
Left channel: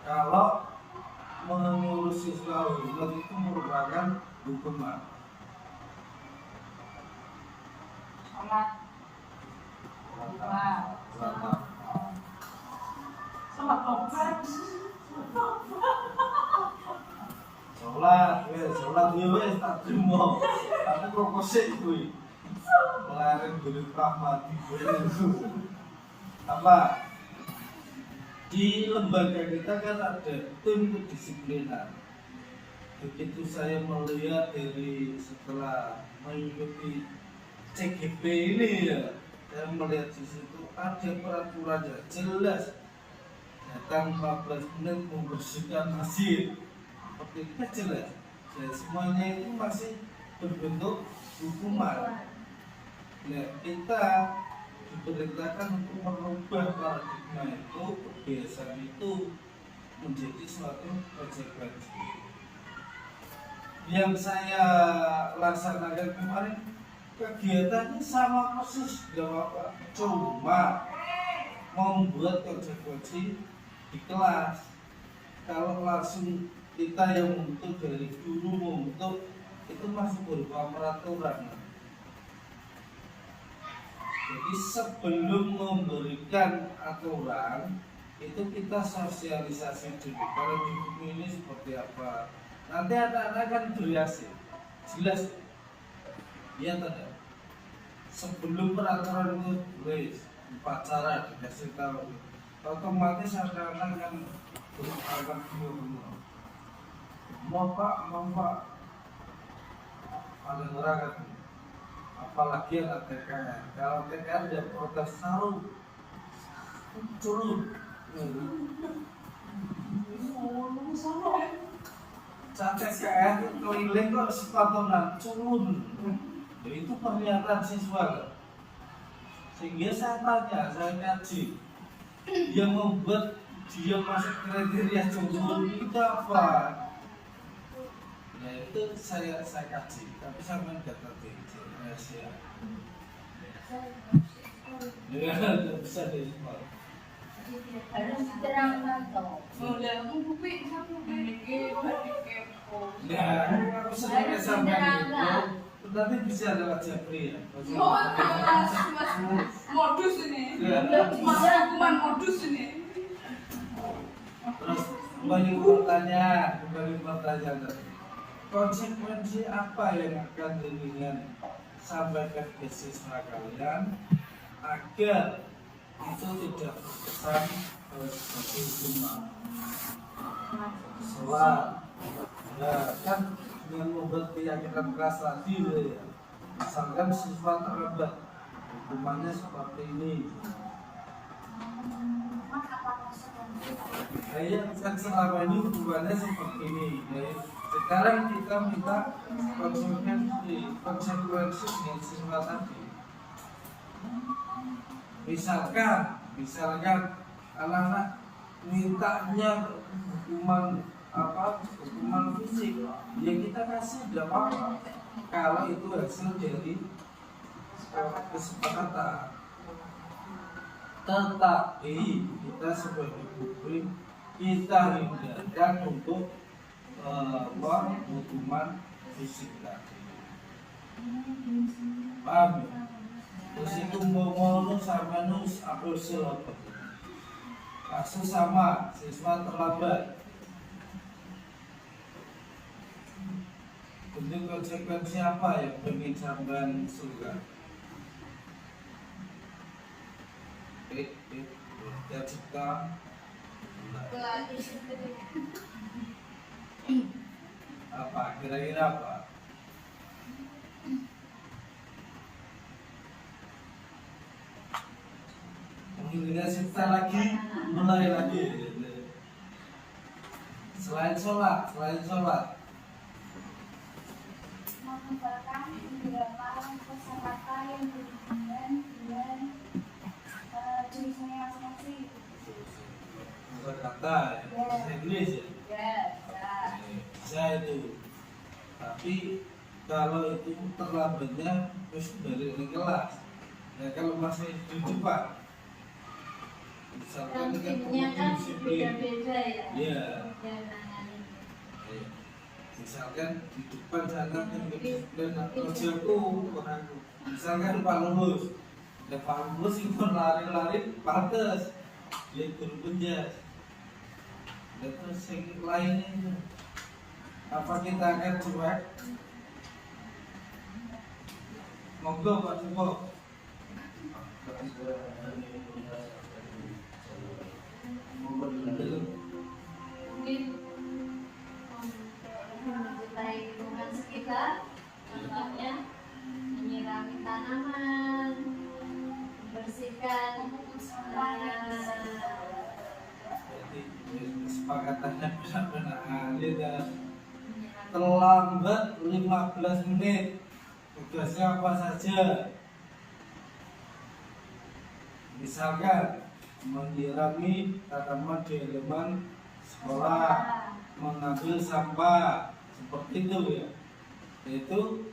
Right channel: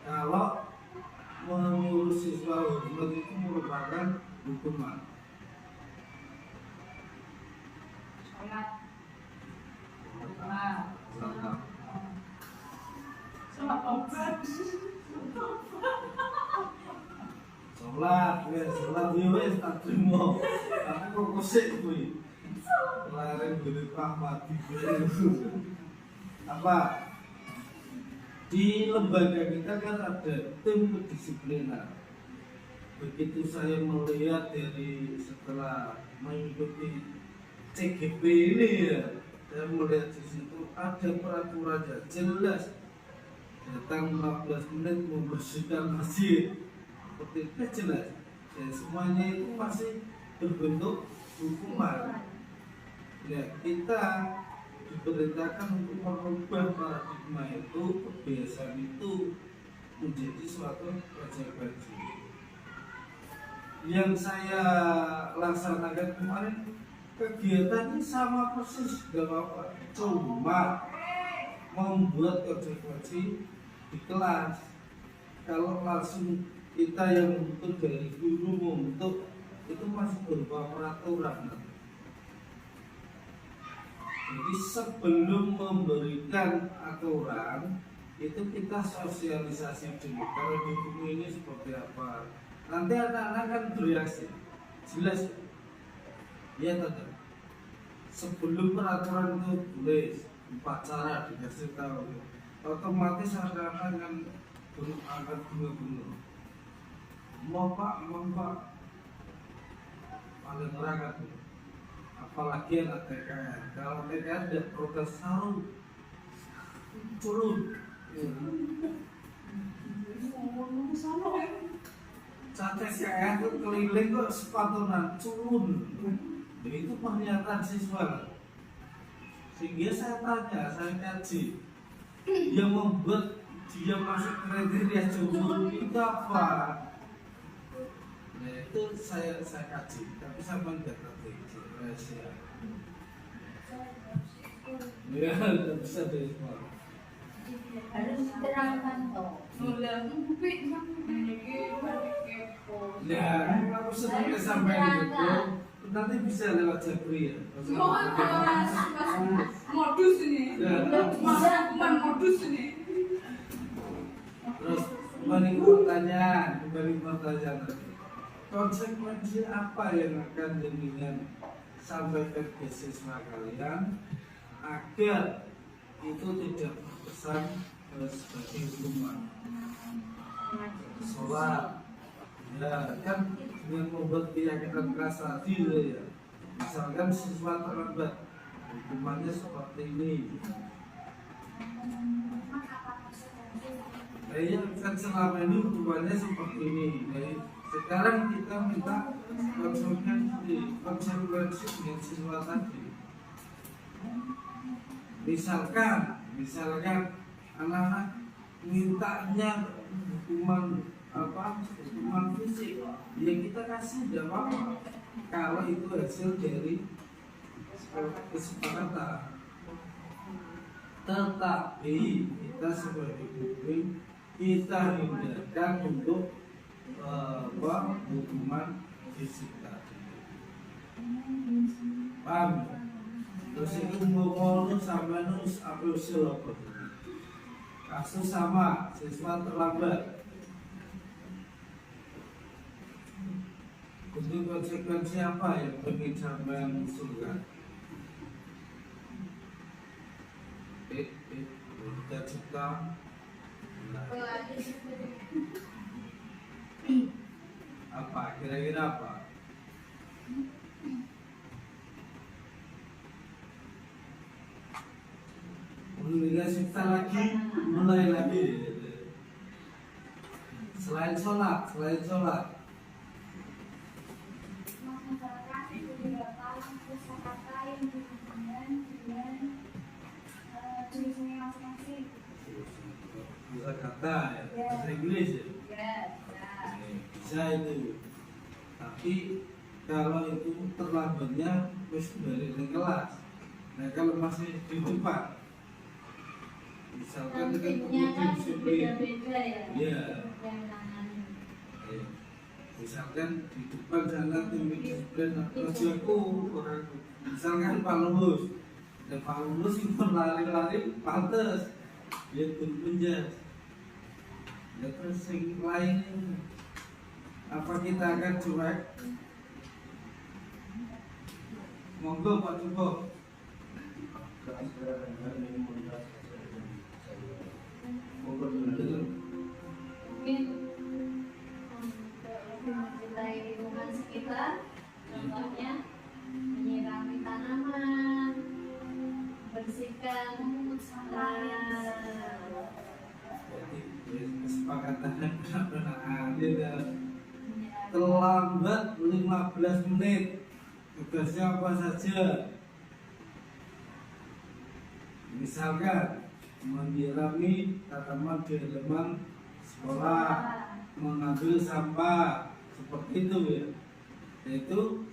Kalau mengurus siswa hormat itu merupakan hukuman. Sholat. Sholat ya wes tak terima. Tapi kok kosek kuwi. Laren guru pamati. Apa? Di lembaga kita kan ada tim kedisiplinan. Begitu saya melihat dari setelah mengikuti CGP ini ya, saya melihat di situ ada peraturannya jelas. Datang 15 menit membersihkan masjid, seperti itu jelas. Ya, semuanya itu masih berbentuk hukuman. Ya, kita diperintahkan untuk merubah paradigma itu, kebiasaan itu menjadi suatu konsekuensi. Yang saya laksanakan kemarin kegiatannya sama persis, gak apa-apa, cuma membuat konsekuensi di kelas. Kalau langsung kita yang untuk dari guru untuk itu masih berupa peraturan. Jadi sebelum memberikan aturan itu kita sosialisasi dulu. Kalau di buku ini seperti apa? Nanti anak-anak kan bereaksi. Jelas, ya tidak. Sebelum peraturan itu tulis upacara dikasih tahu, otomatis anak-anak kan berangkat dulu. Mau pak, paling orang kan. Apalagi anak TKR. Kalau TKR dia protes saru, curut. Saat TKR itu keliling kok sepatunan curun. Itu pernyataan siswa. Sehingga saya tanya, saya kaji, yang membuat dia masuk kriteria curun itu apa? Nah itu saya kaji, tapi sama tidak tadi rahasia. Ya, tidak bisa di semua. Harus diterangkan toh. Boleh aku bukti sama ini kepo. Ya, aku sebenarnya sampai itu, nanti bisa lewat Japri ya. Modus ini. Mas modus ini. Terus kembali pertanyaan tadi. Konsekuensi apa yang akan dengan sampaikan ke siswa kalian agar itu tidak terkesan sebagai hukuman? Sholat, ya kan dengan membuat keyakinan keras tadi ya. Misalkan siswa terlambat, hukumannya seperti ini. Ya kan selama ini hukumannya seperti ini. Jadi sekarang kita minta konsekuensi dengan siswa tadi. Misalkan anak-anak mintanya hukuman fisik, ya kita kasih tidak apa-apa kalau itu hasil dari kesepakatan. Tetapi kita sebagai guru kita hindarkan untuk hukuman fisik tadi. Paham? Terus itu mau sama nus apa usul apa? Kasus sama, siswa terlambat. Bentuk konsekuensi apa yang bikin sampean suka? Cita-cita apa? Kira-kira apa? Kemudian cipta lagi, mulai lagi. Selain sholat. mengumpulkan beberapa kosakata yang berhubungan dengan jurusannya masing-masing. Kata kata ya, bahasa Inggris ya. Ya, ya. Bisa itu. Tapi kalau itu terlambatnya terus dari di kelas. Nah kalau masih di depan, misalkan dengan Tentunya kan disiplin, beda-beda ya. Iya. Dan nanganin. Misalkan di depan sana tim disiplin kerjaku orangku. Misalkan Pak Lulus, dan Pak Lulus itu lari-lari pantas, dia turun penjas. Dan terus yang lainnya, apa kita akan cuek? Monggo Pak Joko. Mungkin untuk mencintai lingkungan sekitar, contohnya menyirami tanaman, membersihkan Kesepakatannya benar-benar adil dan terlambat 15 menit. Tugasnya apa saja? Misalkan menyirami tanaman di halaman sekolah, mengambil sampah, seperti itu ya. Itu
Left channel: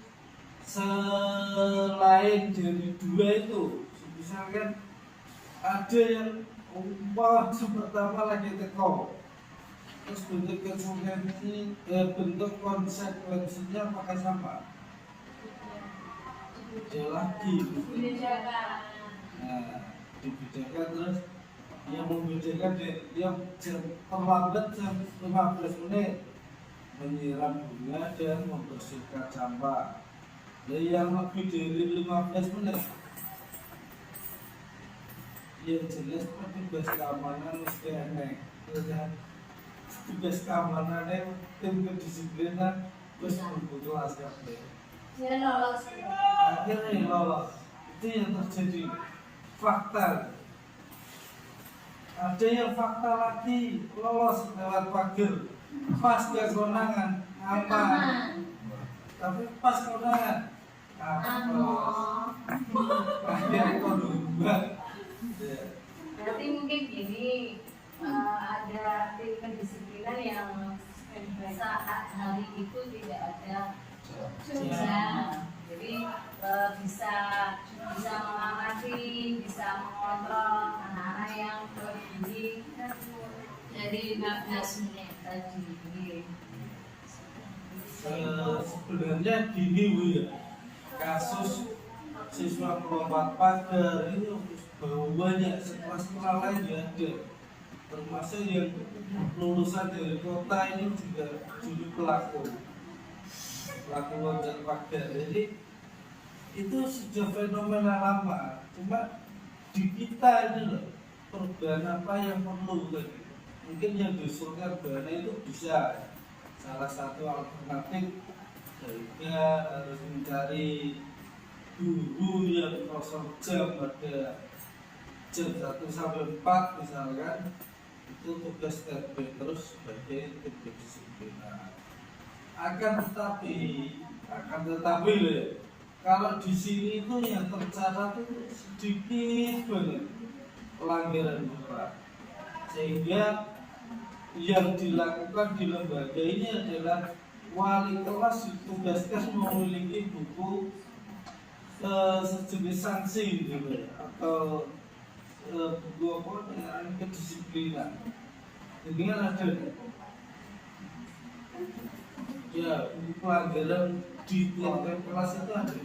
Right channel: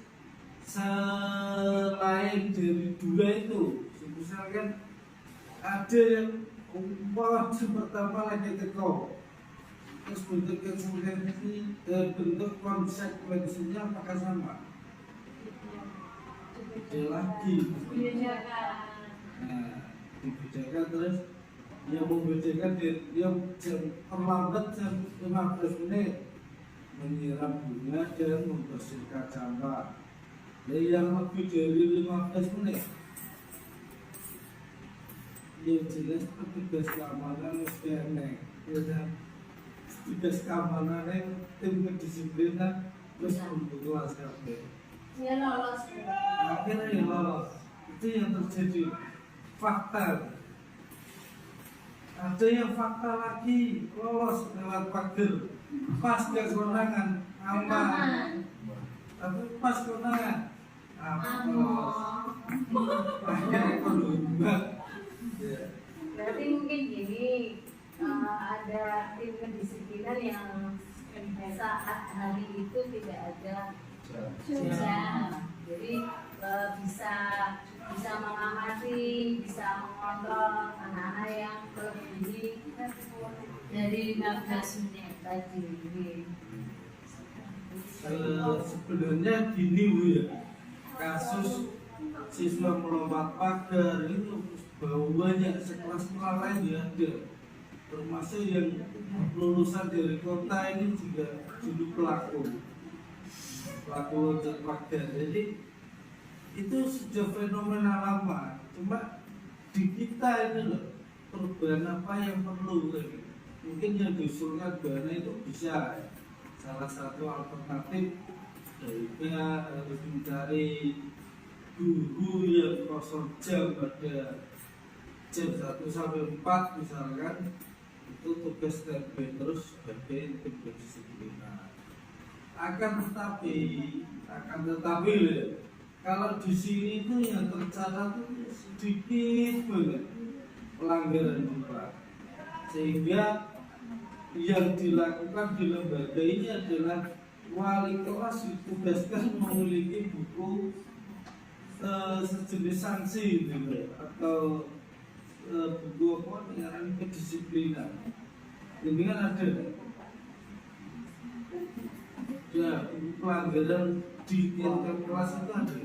selain dari dua itu, misalkan ada yang umpah pertama lagi teko, terus bentuk konsekuensinya pakai sampah. Beda lagi. dibedakan. Nah, dibedakan terus yang membedakan yang terlambat jam 15 menit menyiram bunga dan membersihkan sampah. Yang lebih dari 15 menit yang jelas petugas keamanan mesti aneh, ya kan? Petugas keamanannya tim kedisiplinan terus kelas kabeh. Dia lolos. Akhirnya lolos. Itu yang terjadi. Fakta. Ada yang fakta lagi lolos lewat pagar. Pas gak konangan aman. Tapi pas konangan Amo. akhirnya kondumbang. Berarti mungkin gini, ada tim kedisiplinan yang saat hari itu tidak ada jam, jadi bisa mengamati, bisa mengontrol anak-anak yang melebihi dari 15 menit tadi. Sebenarnya gini Bu ya, kasus siswa melompat pagar itu banyak sekolah-sekolah lain juga ada, termasuk yang lulusan dari kota ini juga dulu pelaku loncat pagar. Jadi itu sudah fenomena lama, cuma di kita ini loh perubahan apa yang perlu kan? Mungkin yang diusulkan dana itu bisa salah satu alternatif daripada harus mencari guru yang kosong jam pada jam 1 sampai 4 misalkan, itu tugas standby terus sebagai tim kedisiplinan. Akan tetapi loh ya, kalau di sini itu yang tercatat itu sedikit banget pelanggaran juga, sehingga yang dilakukan di lembaga ini adalah wali kelas ditugaskan memiliki buku sejenis sanksi gitu, atau buku apa yang kedisiplinan Ini kan ada ya pelanggaran di tiap kelas itu ada.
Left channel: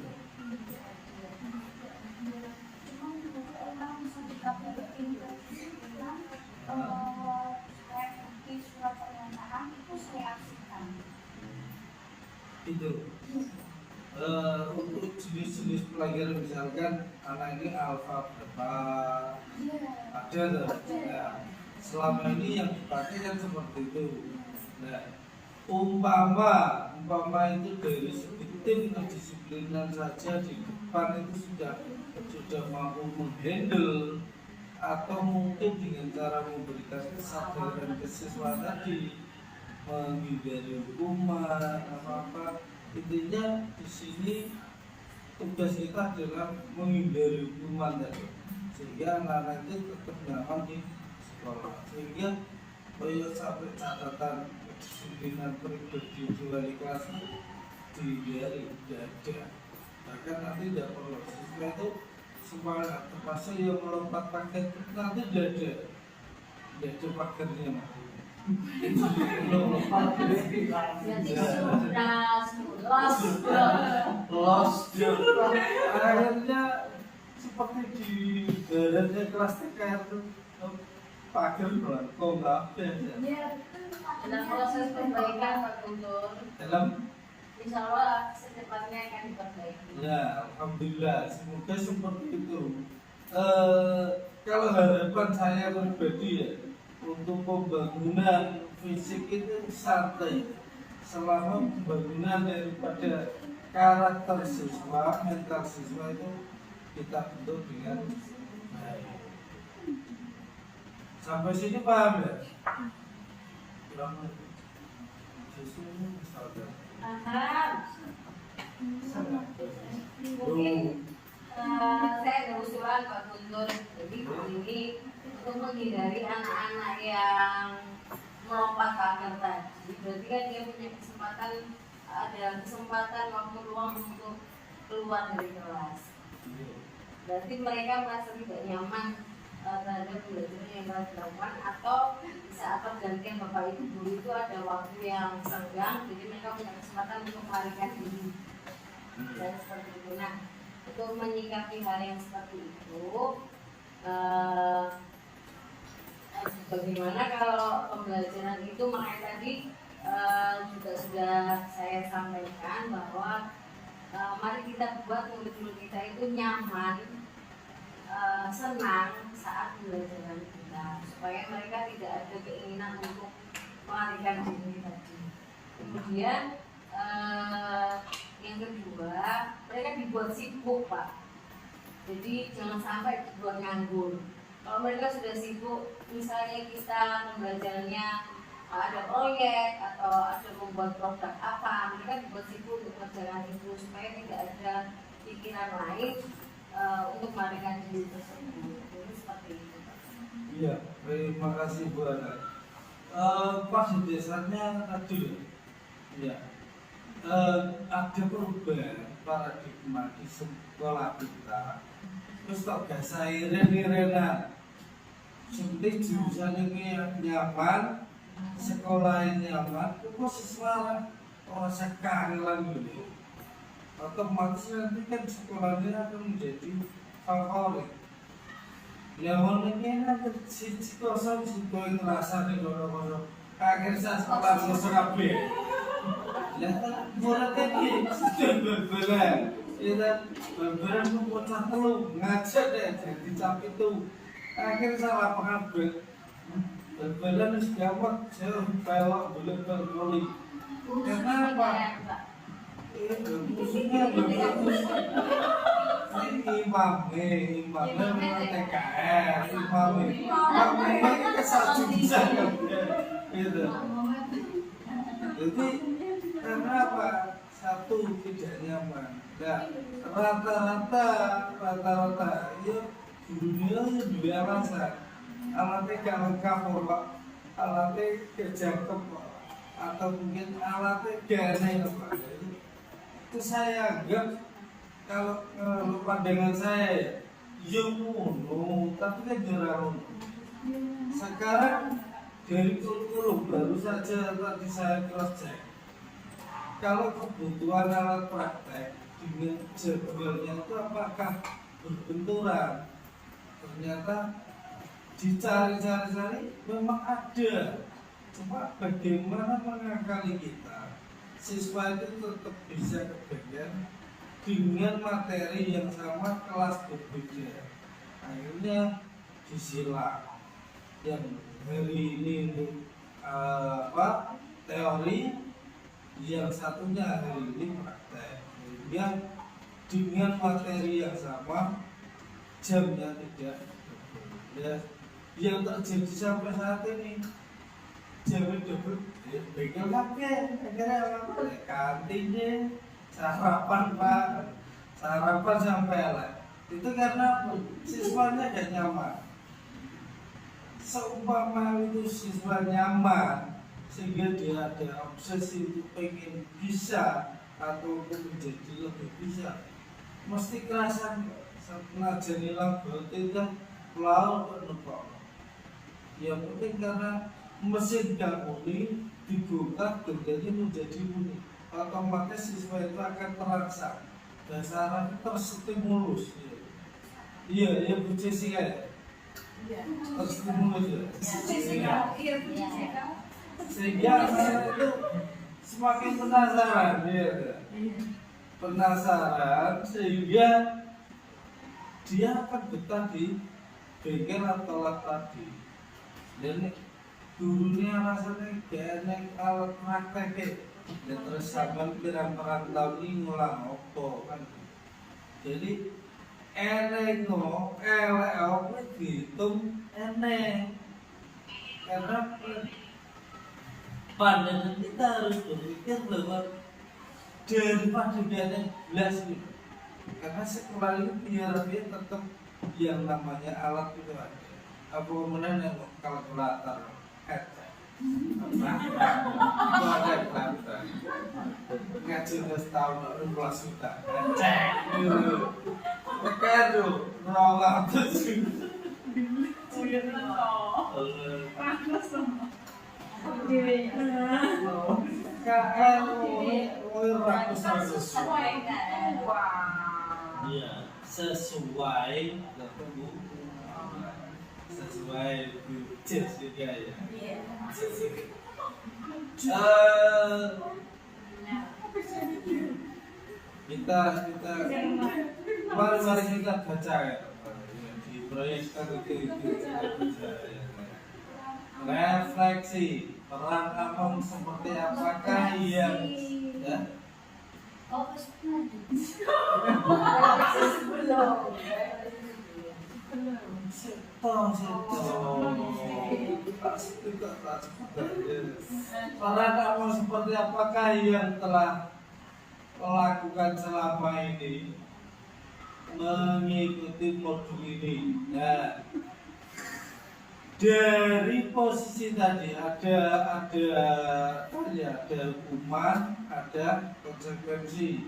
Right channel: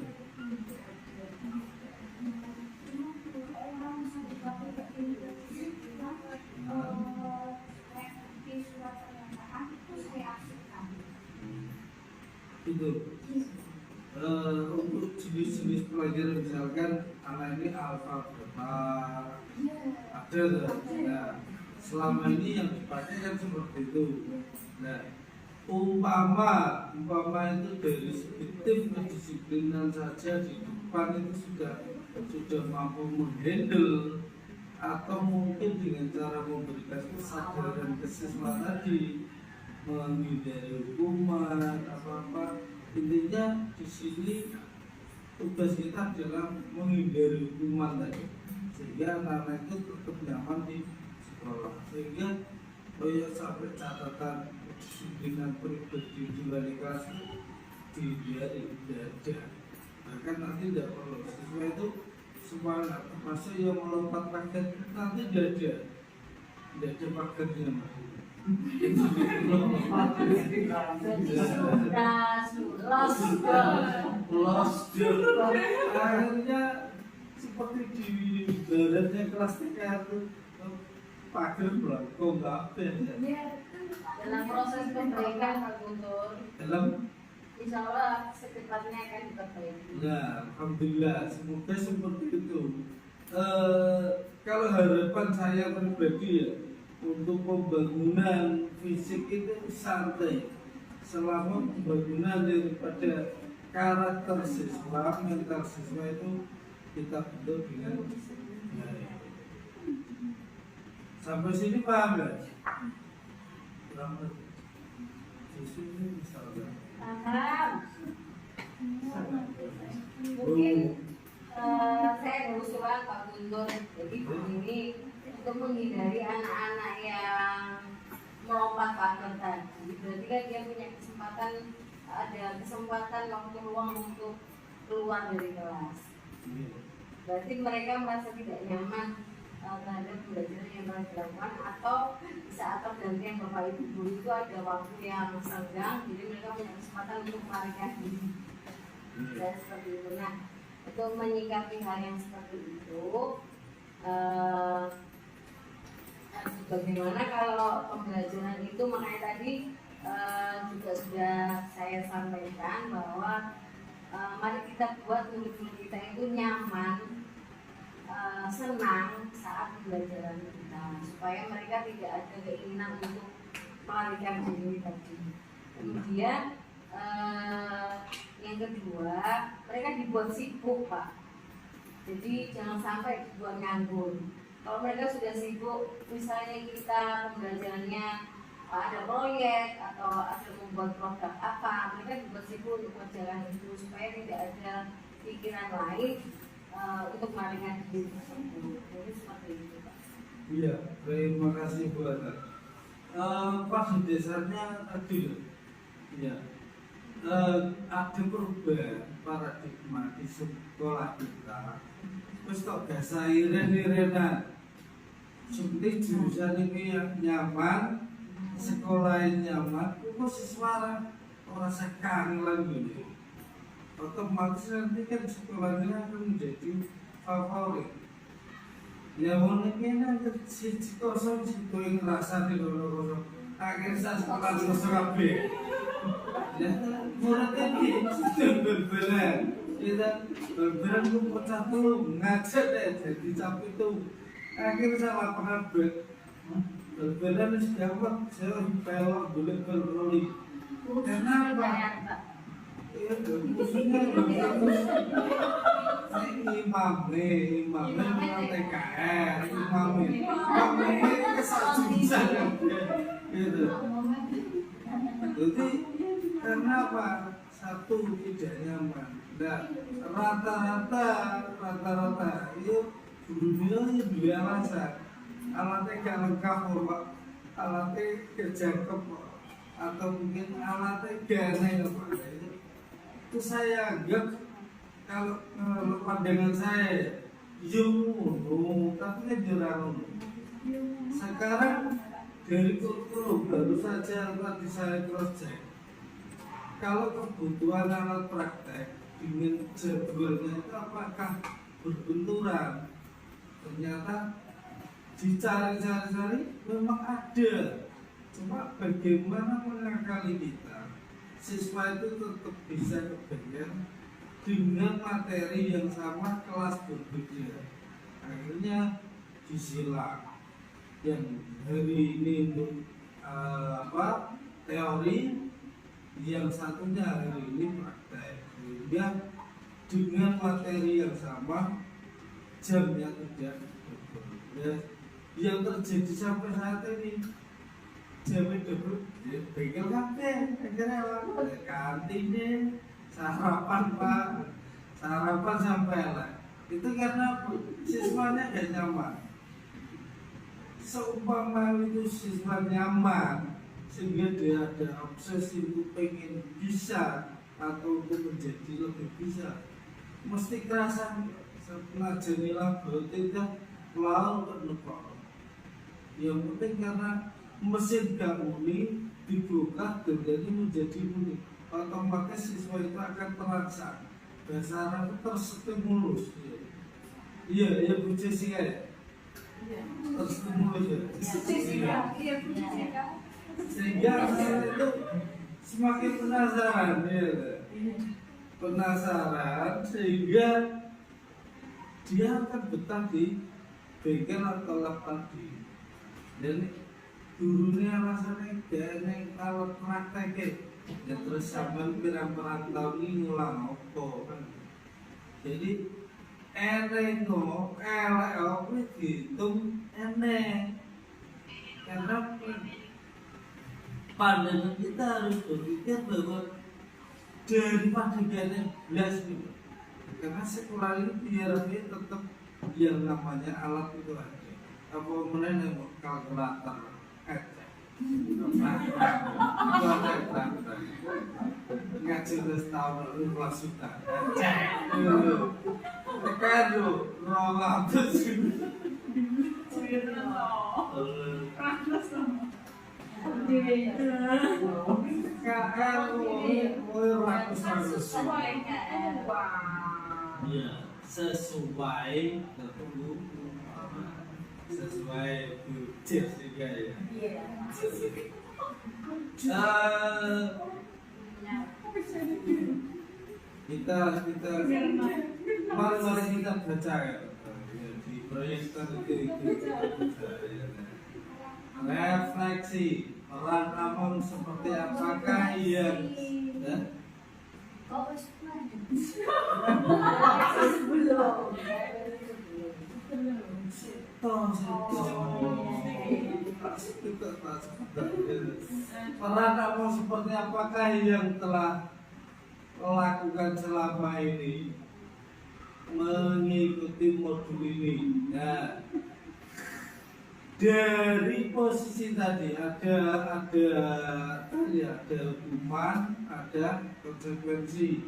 Orang sudah di surat pernyataan itu saya aksikan. Itu untuk jenis-jenis pelanggaran misalkan anak ini alfa beta ada tuh. Nah, selama ini yang dipakai kan seperti itu. Nah, umpama itu dari segi tim kedisiplinan saja di depan itu sudah mampu menghandle, atau mungkin dengan cara memberikan kesadaran ke siswa tadi, menghindari hukuman apa intinya di sini tugas kita adalah menghindari hukuman tadi, sehingga anak-anak itu tetap nyaman di sekolah, sehingga sampai catatan disiplin pribadi di kelas dihindari, tidak ada. Bahkan nanti tidak perlu siswa itu semangat, termasuk yang melompat paket nanti tidak ada pakernya. Jadi Lost akhirnya seperti di daratnya kelas TK itu pagar kok nggak ada. dalam proses perbaikan Pak Guntur, Dalam insya Allah secepatnya akan diperbaiki. ya alhamdulillah semoga seperti itu. Kalau harapan saya pribadi ya, untuk pembangunan fisik itu santai selama pembangunan daripada karakter siswa, mental siswa itu kita bentuk dengan baik. Sampai sini paham ya? Kurang lebih. Siswa ini misalnya Mungkin saya ada usulan Pak Guntur. Jadi ini untuk menghindari anak-anak yang melompat pagar tadi, berarti kan dia punya kesempatan waktu luang untuk keluar dari kelas. Berarti mereka merasa tidak nyaman terhadap pembelajaran yang telah dilakukan, atau di saat pergantian bapak ibu guru itu ada waktu yang senggang, jadi mereka punya kesempatan untuk melarikan diri. Dan seperti itu. Nah, untuk menyikapi hal yang seperti itu, bagaimana kalau pembelajaran itu, makanya tadi juga sudah saya sampaikan bahwa mari kita buat murid-murid kita itu nyaman, senang saat pembelajaran kita, supaya mereka tidak ada keinginan untuk melarikan diri tadi. Kemudian yang kedua, mereka dibuat sibuk Pak. Jadi jangan sampai dibuat nganggur. Kalau mereka sudah sibuk, misalnya kita pembelajarannya ada proyek atau ada membuat produk apa, mereka dibuat sibuk untuk mengerjakan itu, supaya tidak ada pikiran lain untuk melarikan diri tersebut. Jadi seperti itu Pak. Iya, terima kasih Bu Ana. Pas di desanya tadi, ya, ada perubahan paradigma di sekolah kita. Terus kok gak sairen-irenan, seperti jurusan ini yang nyaman, sekolah yang nyaman, kok siswa orang sekarang gitu. Otomatis nanti kan sekolahnya akan menjadi favorit. Ya ini nanti si kosong si koi ngerasa di kono-kono. Akhirnya saya sekolah kosong kabeh. Ya, muridnya ini sudah berberan. Ya, berberan itu pecah telur, ngajak deh jadi cap itu. Akhirnya salah pengabat. Berberan itu gawat, saya belok berkali. Kenapa? Maksudnya imamnya TKR, imamnya kesatu bisa kan? Gitu. Jadi karena apa? Satu tidak nyaman. Nah, rata-rata ya dunia ya dua alasan. Alatnya gak lengkap kok, alatnya kejangkep kok, atau mungkin alatnya gak Pak. Itu saya anggap kalau pandangan saya, tapi kan jarang. Sekarang dari kurikulum baru saja tadi saya cross check. Kalau kebutuhan alat praktek dengan jadwalnya itu apakah berbenturan? Ternyata dicari-cari memang ada. Cuma bagaimana mengakali kita siswa itu tetap bisa kebagian dengan materi yang sama, kelas berbeda. Akhirnya disilang. Yang hari ini untuk teori, yang satunya hari ini praktek. Yang dengan materi yang sama, jamnya tidak berbeda. Yang terjadi sampai saat ini, jamnya double, bengkel kafe, akhirnya apa? Kantinnya, sarapan pak, sarapan sampai lah. Itu karena apa? Siswanya gak nyaman. Seumpama itu siswa nyaman, sehingga dia ada obsesi untuk pengen bisa atau untuk menjadi lebih bisa, mesti kerasan ngajari lagu tidak pulau bernepok. Yang penting karena mesin gak muni dibuka dan jadi menjadi muni, otomatis siswa itu akan terangsang dan saraf terstimulus. Iya, ya Bu Jessica ya. Terstimulus ya. Sehingga anak itu semakin penasaran, ya. Penasaran sehingga dia akan betah di bengkel atau lab tadi. Dan gurunya rasanya gak enak kalau praktek ya, terus sampai pirang-pirang tahun ini ngulang apa kan. Jadi enak no, elek apa dihitung enak. Karena pandangan kita harus berpikir bahwa daripada gak belas gitu. Karena sekolah ini biar dia tetap yang namanya alat itu ada. Apa menanya kalkulator, ngaji setahun lalu kelas suka, tekan tuh, rolak terus. KL, ratus. Iya, sesuai ketemu. Sesuai budget juga ya. Kita mari kita baca ya, di proyek itu kita baca ya. Refleksi peran kamu seperti apakah yang ya? Peran kamu seperti apakah yang telah lakukan selama ini mengikuti modul ini? Nah, dari posisi tadi ada hukuman, ada konsekuensi.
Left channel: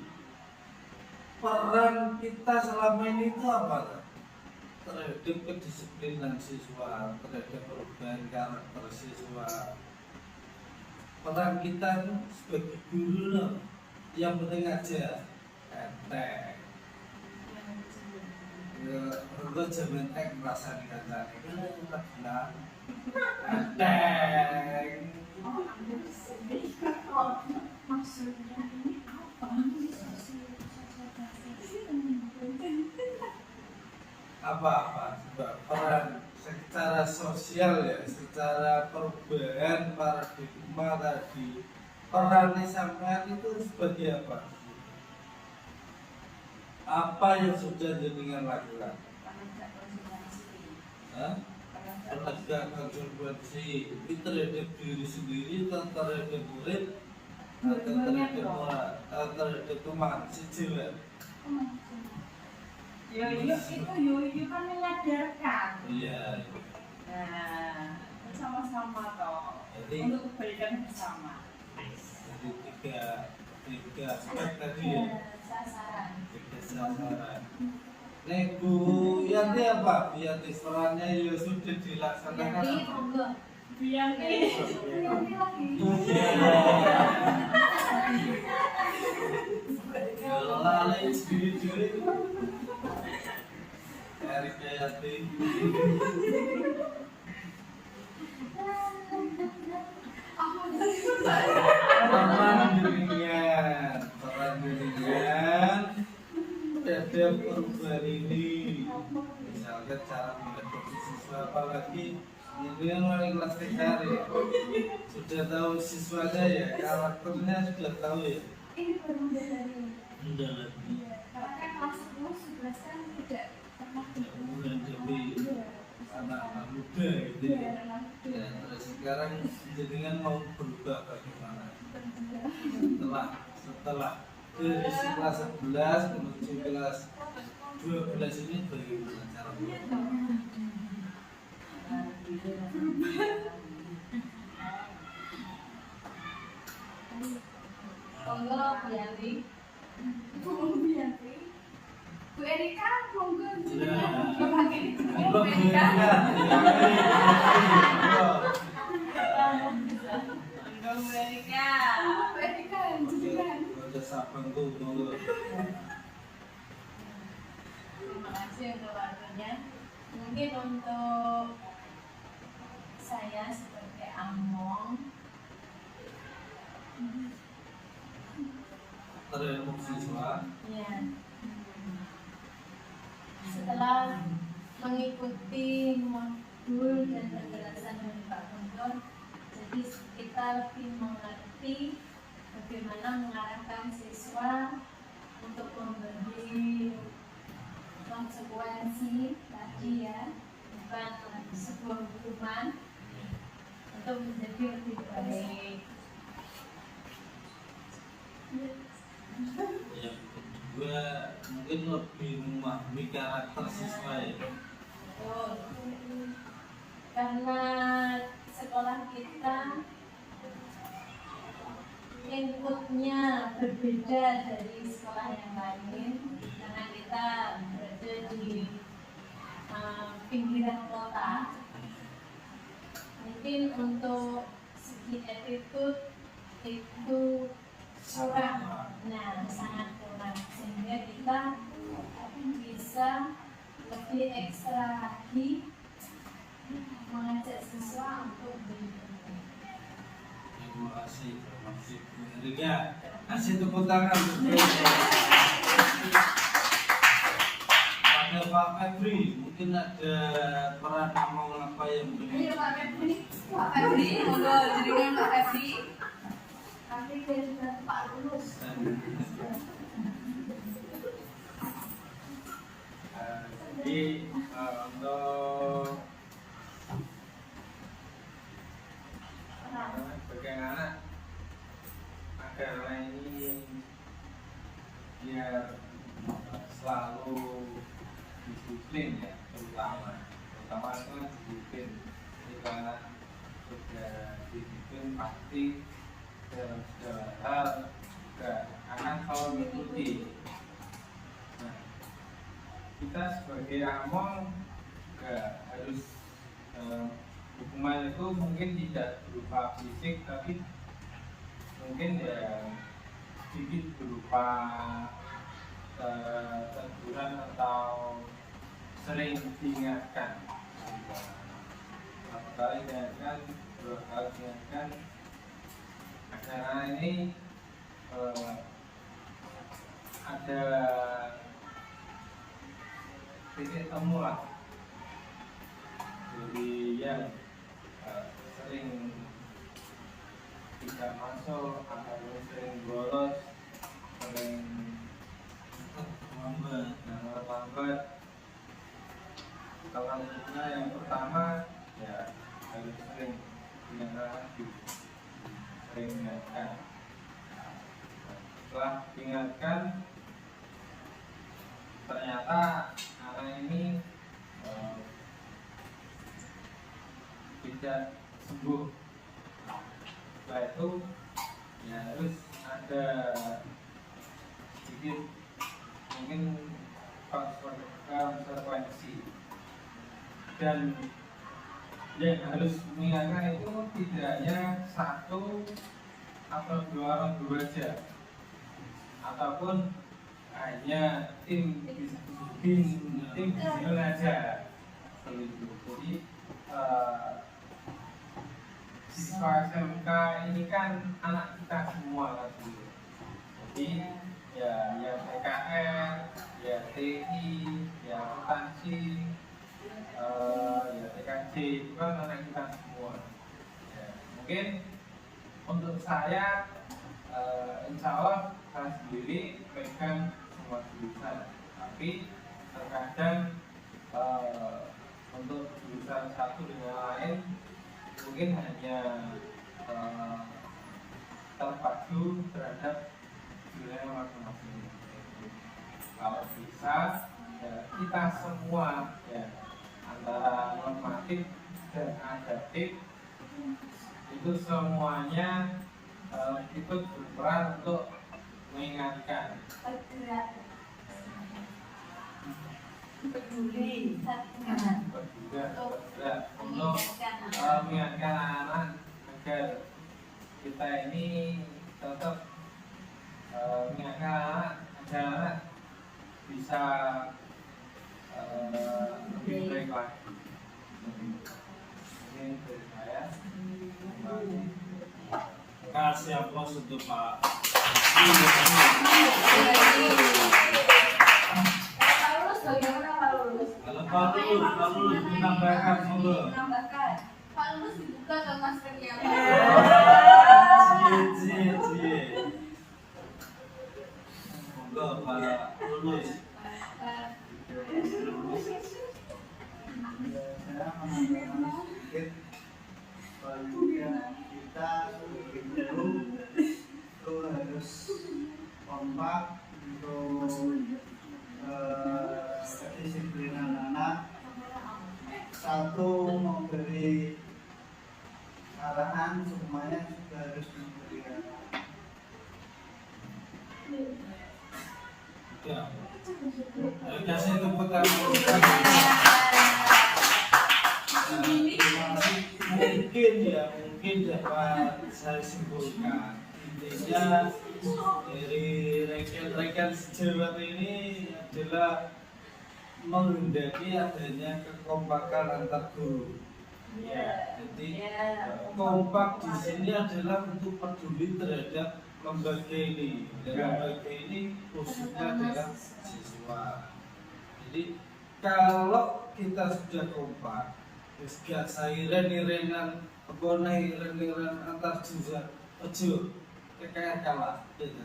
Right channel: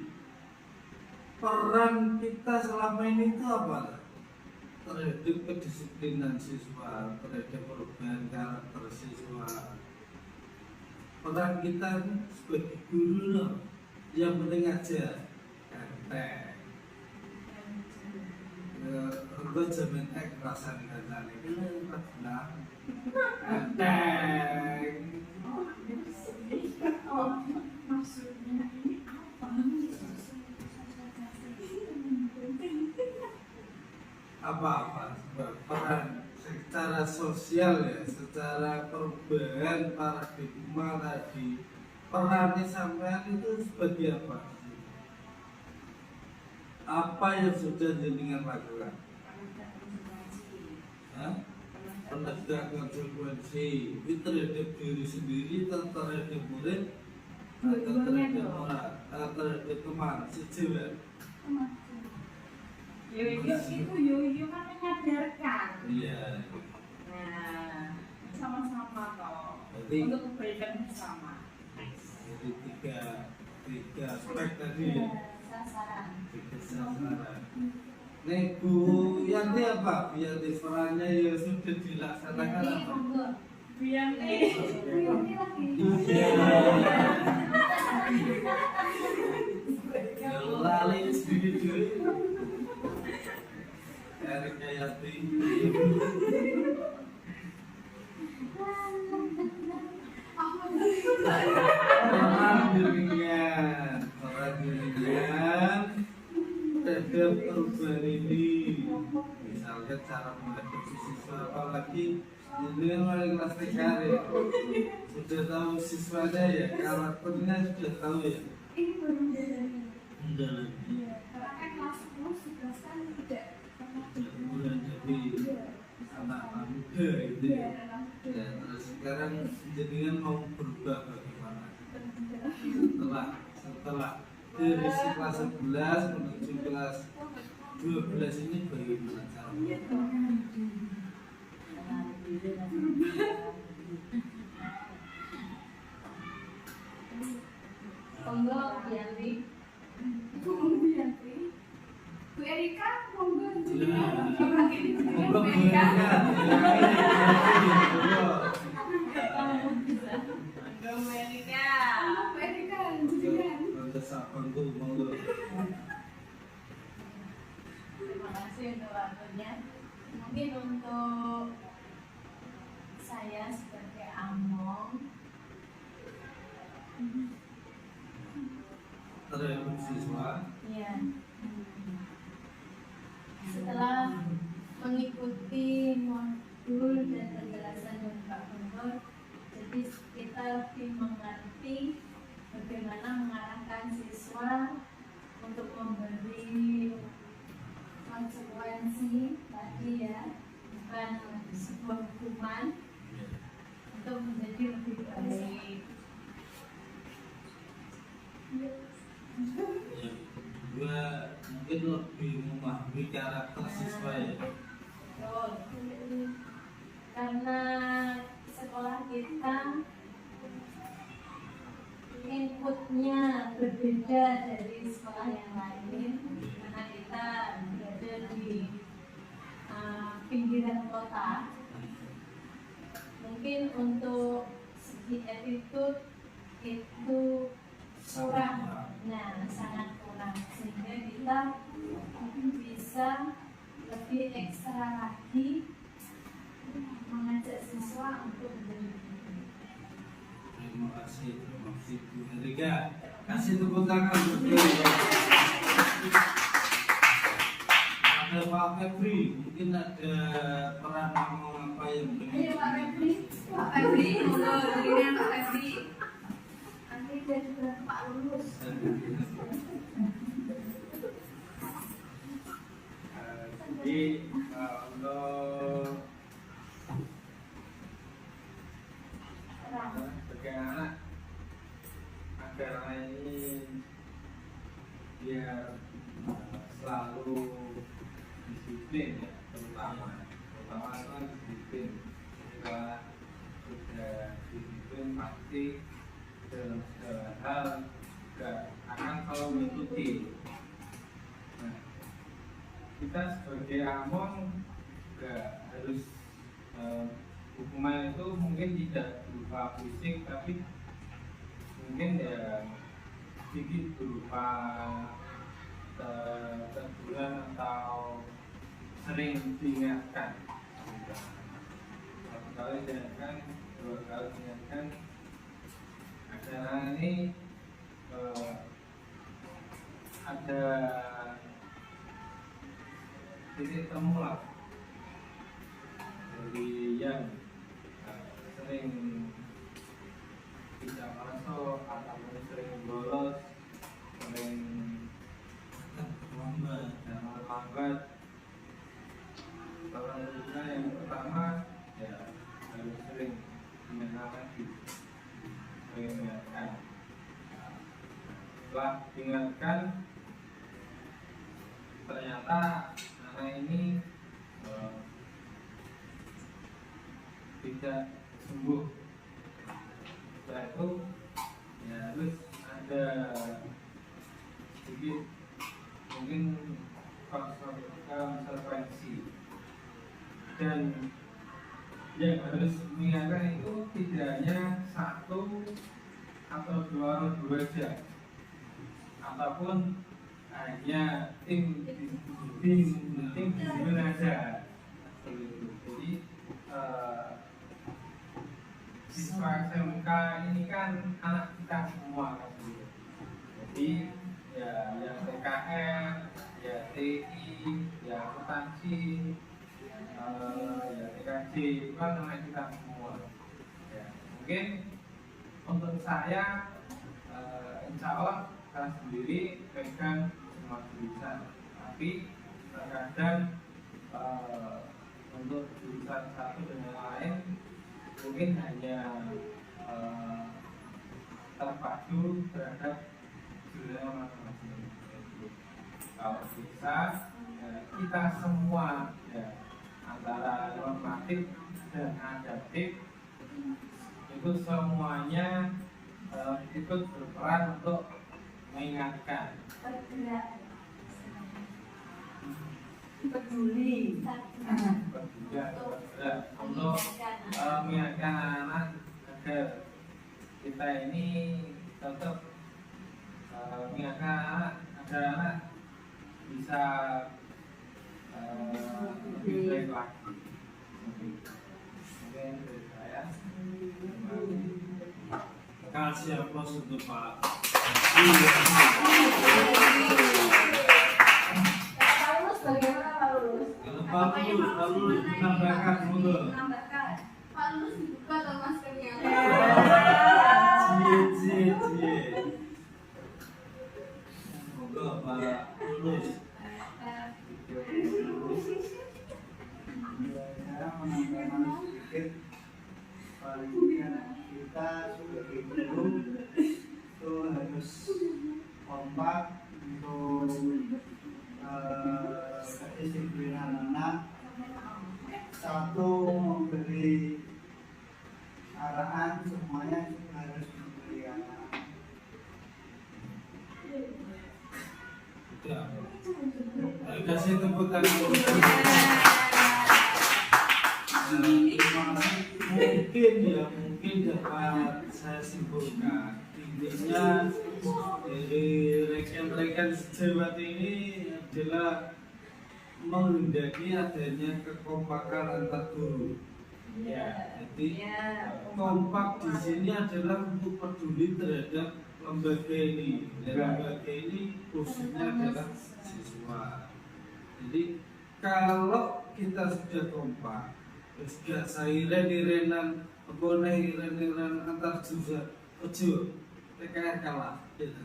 Peran kita selama ini itu apa? Terhadap kedisiplinan siswa, terhadap perubahan karakter siswa. Peran kita sebagai guru loh, yang penting aja enteng. Enggak jamin perasaan dikata ini kan bilang enteng. Maksudnya apa peran secara sosial ya, secara perubahan paradigma tadi, perannya sampean itu sebagai apa? Apa yang sudah jenengan lakukan? Penegak konsekuensi itu terhadap diri sendiri, terhadap murid, terhadap teman sejauh. Yoyo itu kan menyadarkan. Iya. Nah, sama-sama toh. Jadi, untuk kebaikan bersama. Jadi tiga aspek tadi ya. Tiga sasaran. Nih Bu Yanti apa? Yanti perannya ya sudah dilaksanakan apa? Bianti. Lali sendiri Erik Dayati. Teman bimbingan terhadap perubahan ini. Misalnya cara menghadapi siswa, apalagi ini mulai kelas 3 ya. Sudah tahu siswanya ya, karakternya sudah tahu ya. Ini baru dari Sudah lebih karena kan kelas 10, 11 kan tidak pernah menghadapi anak-anak muda gitu ya. Ya, terus sekarang jenengan mau berubah bagaimana? Setelah dari kelas 11 menuju kelas 12 ini bagaimana cara Monggo Bianti. Bu Erika, monggo. Nah, Bu Erika. Monggo Erika. Bu Erika, jenengan. sabang tuh monggo. Terima kasih untuk waktunya. Mungkin untuk saya sebagai Among, Terhadap siswa ya, setelah mengikuti modul dan penjelasan dari Pak Gubernur, jadi kita lebih mengerti bagaimana mengarahkan siswa untuk memberi konsekuensi tadi ya, bukan sebuah hukuman, untuk menjadi lebih baik. yang kedua mungkin lebih memahami karakter siswa ya. Betul. Karena sekolah kita inputnya berbeda dari sekolah yang lain, karena kita berada di pinggiran kota. Mungkin untuk segi attitude itu kurang, nah sangat kurang, sehingga kita bisa lebih ekstra lagi mengajak siswa untuk belajar. Terima kasih Bu Erika. Kasih tepuk tangan untuk beliau. Ada Pak Febri, mungkin ada peran ngomong apa yang mungkin Ayo Pak Febri. Pak Febri, monggo jenengan Pak Febri. Kami dari Pak Lulus. Jadi untuk bagian anak agar ini biar selalu disiplin ya, terutama itu disiplin. Jika sudah disiplin pasti dalam segala hal juga akan selalu mengikuti. Nah, kita sebagai Among juga harus hukuman itu mungkin tidak berupa fisik, tapi mungkin ya sedikit berupa teguran atau sering diingatkan. Satu kali diingatkan, dua kali diingatkan. Acara ini ada titik temu lah. Jadi yang sering tidak masuk atau sering bolos, sering lambat. Kalau kita yang pertama ya harus sering diingatkan lagi, sering diingatkan. Setelah diingatkan, ternyata area ini tidak sembuh. Setelah itu ya harus ada sedikit mungkin konsekuensi, dan yang harus mengingatkan itu tidak hanya satu atau dua orang guru aja, ataupun hanya tim di sini aja. Jadi siswa SMK ini kan anak kita semua kan gitu. Jadi ya yang TKR, ya TI, ya akuntansi, ya TKJ itu kan anak kita semua. Ya, mungkin untuk saya, insya Allah saya sendiri pegang semua jurusan, tapi terkadang untuk jurusan satu dengan lain mungkin hanya terpacu terhadap jurusan masing-masing. Kalau bisa ya, kita semua ya, antara normatif dan adaptif itu semuanya ikut berperan untuk mengingatkan, peduli untuk mengingatkan anak agar kita ini tetap mengingatkan anak agar anak bisa lebih baik lagi. Mungkin dari saya. Terima kasih aplaus untuk Pak. Bagaimana Pak Lulus? Kalau Pak Lulus menambahkan monggo. Menambahkan. Pak Lulus dibuka ke maskernya. Cie. Monggo Pak Lulus. Saya menambahkan sedikit bahwa kita sebagai guru itu harus kompak untuk kedisiplinan anak. Satu, memberi arahan, semuanya juga harus memberi arahan. Ya. Kasih tepuk tangan. Mungkin dapat saya simpulkan, intinya dari rekan-rekan sejawat ini adalah menghendaki adanya kekompakan antar guru. Jadi kompak di sini adalah untuk peduli terhadap lembaga ini. Dan lembaga ini khususnya adalah siswa. Jadi kalau kita sudah kompak, gak sairen-irenan iren antar jurusan, ojo TKR kalah, TKR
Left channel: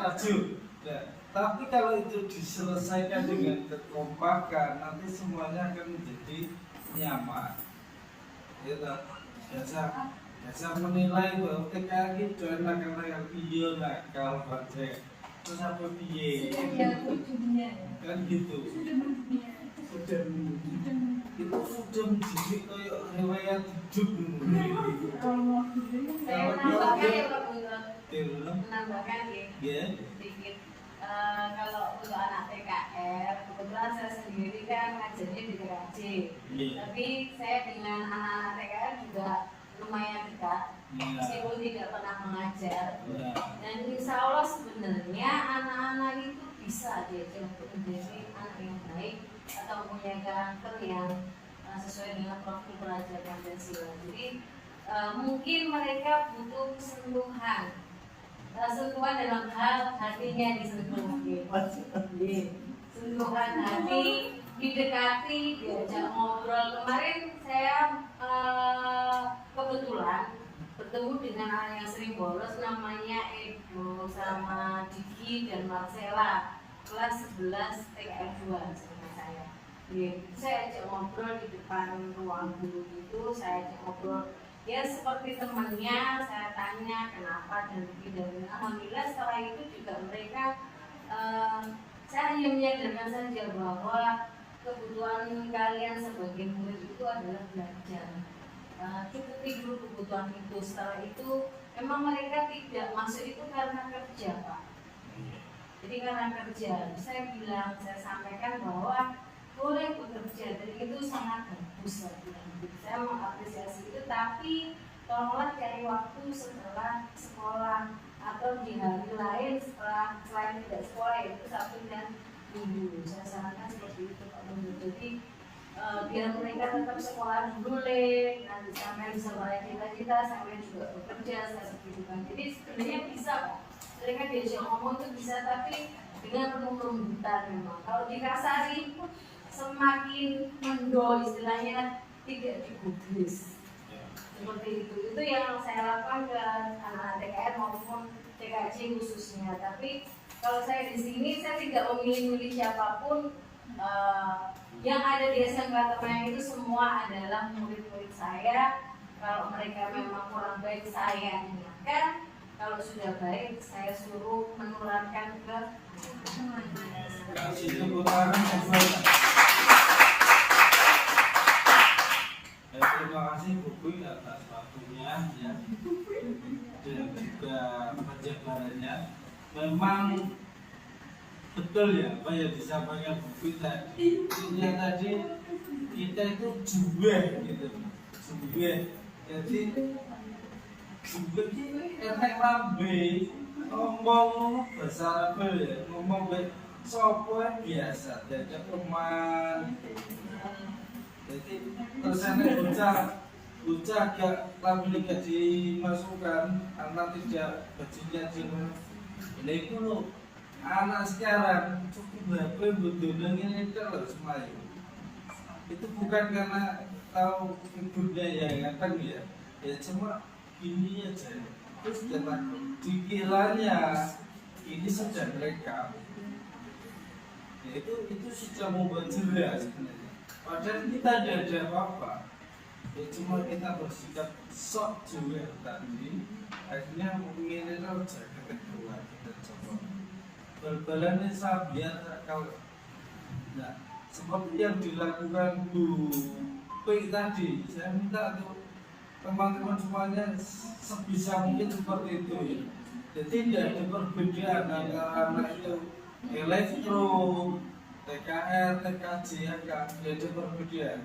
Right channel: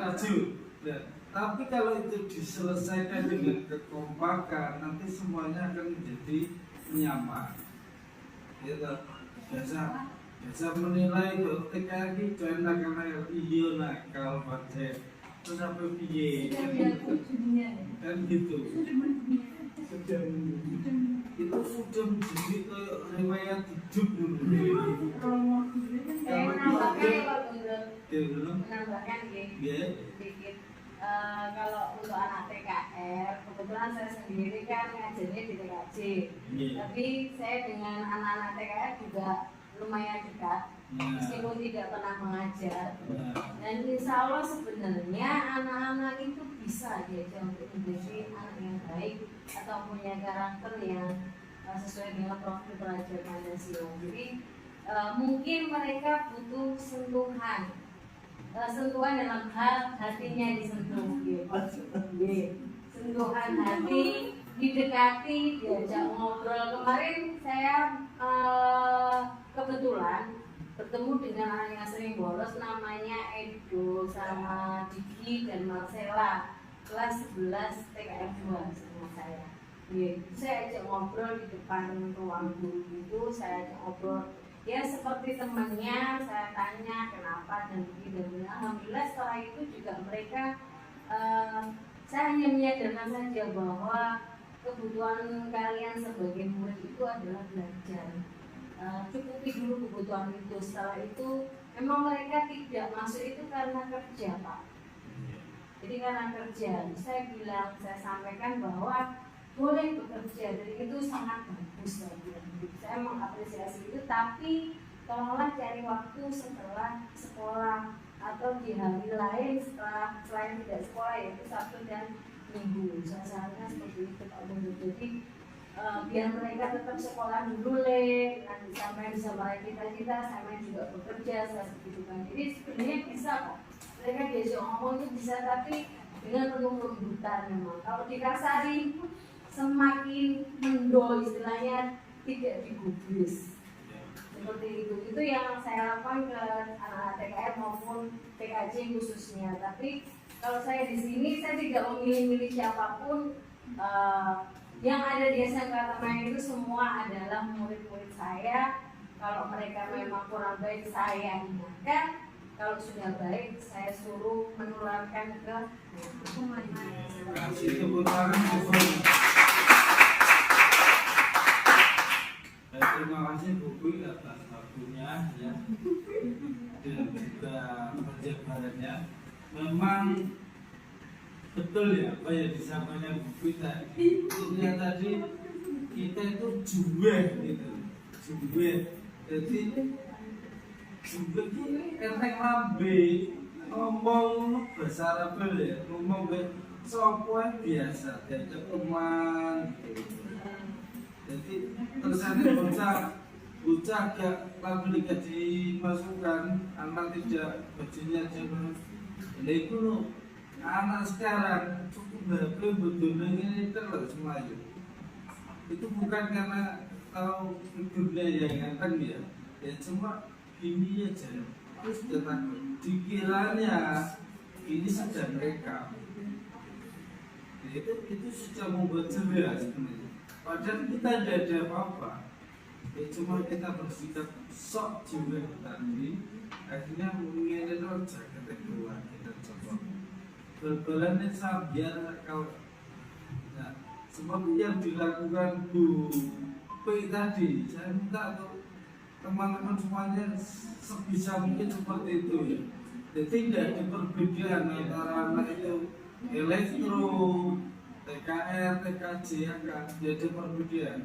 maju. Tapi kalau itu diselesaikan dengan kekompakan, nanti semuanya akan menjadi nyaman. Biasa menilai bahwa TKR itu enak-enak, iya nakal banget. Terus apa piye? Kan gitu. Itu sudah menjadi kayak riwayat hidup dulu. Saya menambahkan ya Pak Bundut. Menambahkan Ya. sedikit. Kalau untuk anak TKR, kebetulan saya sendiri kan ngajarnya di TKJ. Tapi saya dengan anak-anak TKR juga lumayan dekat, meskipun tidak pernah mengajar. Dan insya Allah sebenarnya anak-anak itu bisa diajak untuk menjadi anak yang baik atau punya karakter yang sesuai dengan profil pelajar Pancasila. Jadi mungkin mereka butuh sentuhan dalam hal hatinya disentuh, sentuhan hati, didekati, diajak ngobrol. Kemarin saya kebetulan bertemu dengan anak yang sering bolos, namanya Edo sama Diki dan Marcella, kelas 11 TKR 2 sama saya. Saya ajak ngobrol di depan ruang guru itu, saya ajak ngobrol. Ya seperti temannya, saya tanya kenapa dan begini. Alhamdulillah setelah itu juga mereka saya menyadarkan saja bahwa kebutuhan kalian sebagai murid itu adalah belajar. Cukupi dulu kebutuhan itu. Setelah itu memang mereka tidak masuk itu karena kerja Pak. Jadi karena kerja, saya sampaikan bahwa boleh bekerja, dan itu sangat bagus lagi. Saya mengapresiasi itu, tapi tolonglah cari waktu setelah sekolah atau di hari lain setelah selain tidak sekolah, yaitu Sabtu dan Minggu. Saya sarankan seperti itu Pak Bunda. Jadi biar mereka tetap sekolah dulu nanti sampai bisa meraih cita-cita, sampai juga bekerja seperti itu kan. Jadi sebenarnya bisa kok, mereka diajak ngomong itu bisa, tapi dengan penuh kelembutan memang. Kalau dikasari semakin mendol, istilahnya tidak digubris seperti itu yang saya lakukan ke anak TKR maupun TKJ khususnya. Tapi kalau saya di sini, saya tidak memilih-milih siapapun. Yang ada di SMK Temen itu semua adalah murid-murid saya. Kalau mereka memang kurang baik, saya ingatkan. Kalau sudah baik, saya suruh menularkan ke Kasih tepuk tangan untuk terima kasih Bu Kui atas waktunya ya, dan juga penjabarannya. Memang betul ya apa yang disampaikan Bu Kui tadi. Intinya tadi kita itu juwe gitu, juwe. Jadi juwe ini enek lambe ngomong bahasa Arab ya, ngomong ke sopo biasa, diajak teman. Jadi terusannya bocah gak lambe gak dimasukkan, anak tidak bajunya jangan. Nah itu loh, anak sekarang cukup HP budonanya itu loh Semayu. Itu bukan karena tahu ibunya yang akan ya cuma ini aja. Terus dikiranya ini sudah mereka. Ya, itu sudah membuat jelas sebenarnya. Padahal kita tidak ada apa-apa. Ya, cuma kita bersikap sok juga tadi. Akhirnya mengirim saja ke kedua kita coba. Bal-balannya biar kalau seperti yang dilakukan Bu P tadi, saya minta untuk teman-teman semuanya sebisa mungkin seperti itu ya. Jadi tidak ada perbedaan antara anak itu elektro, TKR, TKJ, tidak ada perbedaan.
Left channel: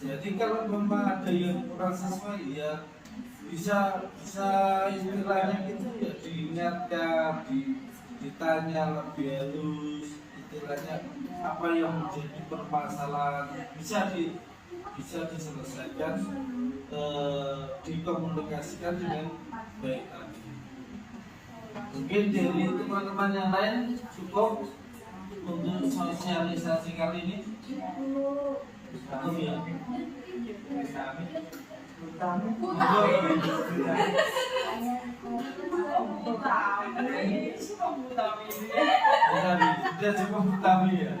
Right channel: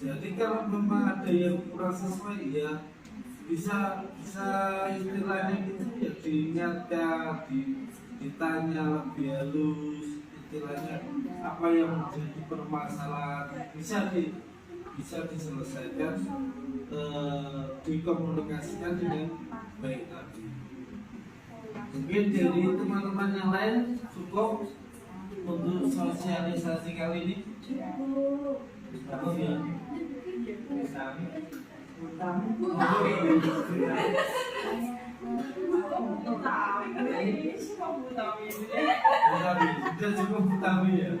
Jadi kalau memang ada yang kurang sesuai ya bisa istilahnya gitu ya, diingatkan, ditanya lebih halus, istilahnya apa yang menjadi permasalahan bisa diselesaikan, dikomunikasikan dengan baik tadi. Mungkin dari teman-teman yang lain cukup untuk sosialisasi kali ini. Cukup ya. Sudah cukup utami ya.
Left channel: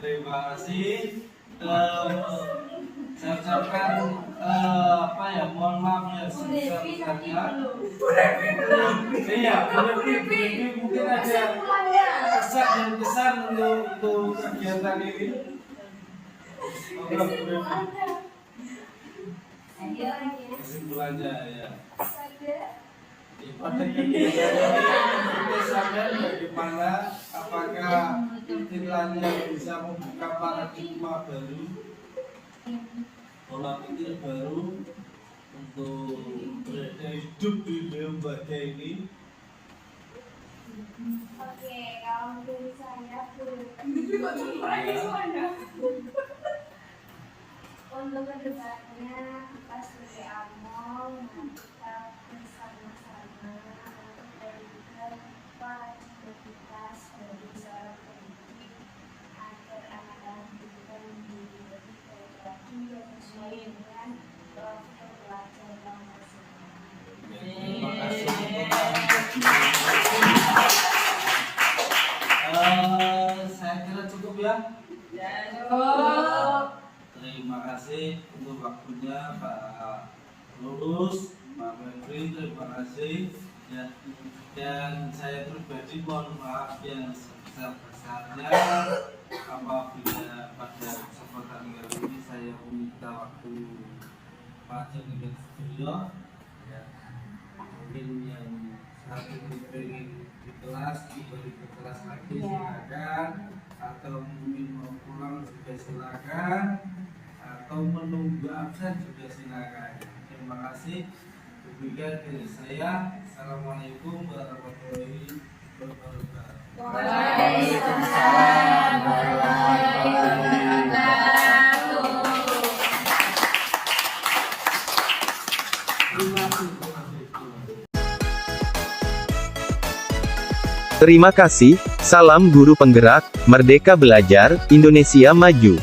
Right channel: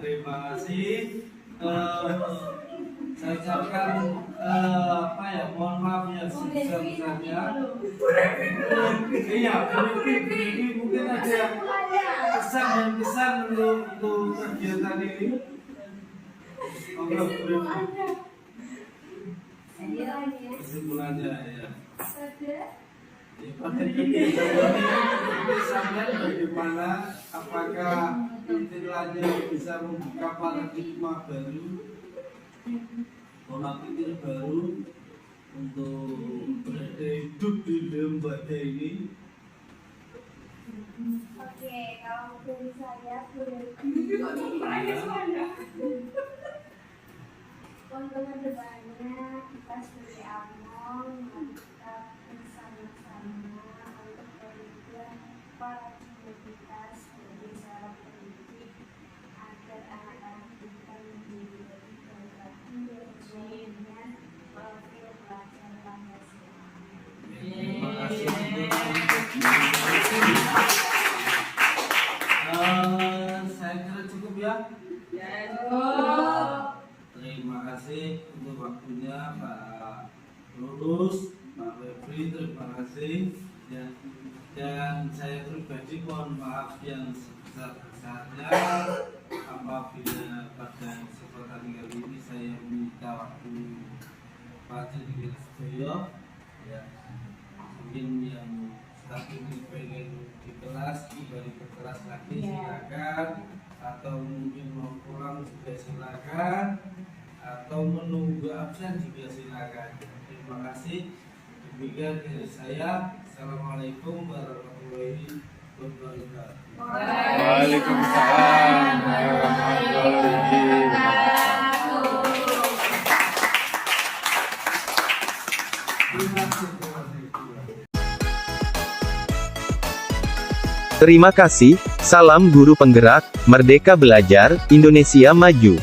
Terima kasih. Saya ucapkan mohon maaf yang sebesar-besarnya. Iya, mungkin ada pesan untuk kegiatan ini. Kesimpulannya ya. Pada kegiatan ini kita sadar bagaimana apakah istilahnya bisa membuka paradigma baru, pola pikir baru untuk berada hidup di lembaga ini. Oke, kalau dari saya untuk kedepannya kita sebagai AMOL kita bersama-sama untuk berikan kreativitas bagi seorang pendidik agar anak-anak kita menjadi lebih baik lagi sesuai dengan profil pelajar yang Terima kasih. Saya kira cukup ya. Terima kasih untuk waktunya Pak Lulus, Pak Febri, terima kasih ya. Dan saya pribadi mohon maaf yang sebesar-besarnya apabila pada kesempatan kali ini saya minta waktu Pak Jenderal Sedoyo ya, mungkin yang satu ini pengen di kelas kembali ke kelas lagi silakan, atau mungkin mau pulang juga silakan, atau menunggu absen juga silakan. Terima kasih. Demikian dari saya. Assalamualaikum warahmatullahi wabarakatuh. Waalaikumsalam warahmatullahi wabarakatuh. Terima kasih. Terima kasih, salam guru penggerak, Merdeka Belajar, Indonesia Maju.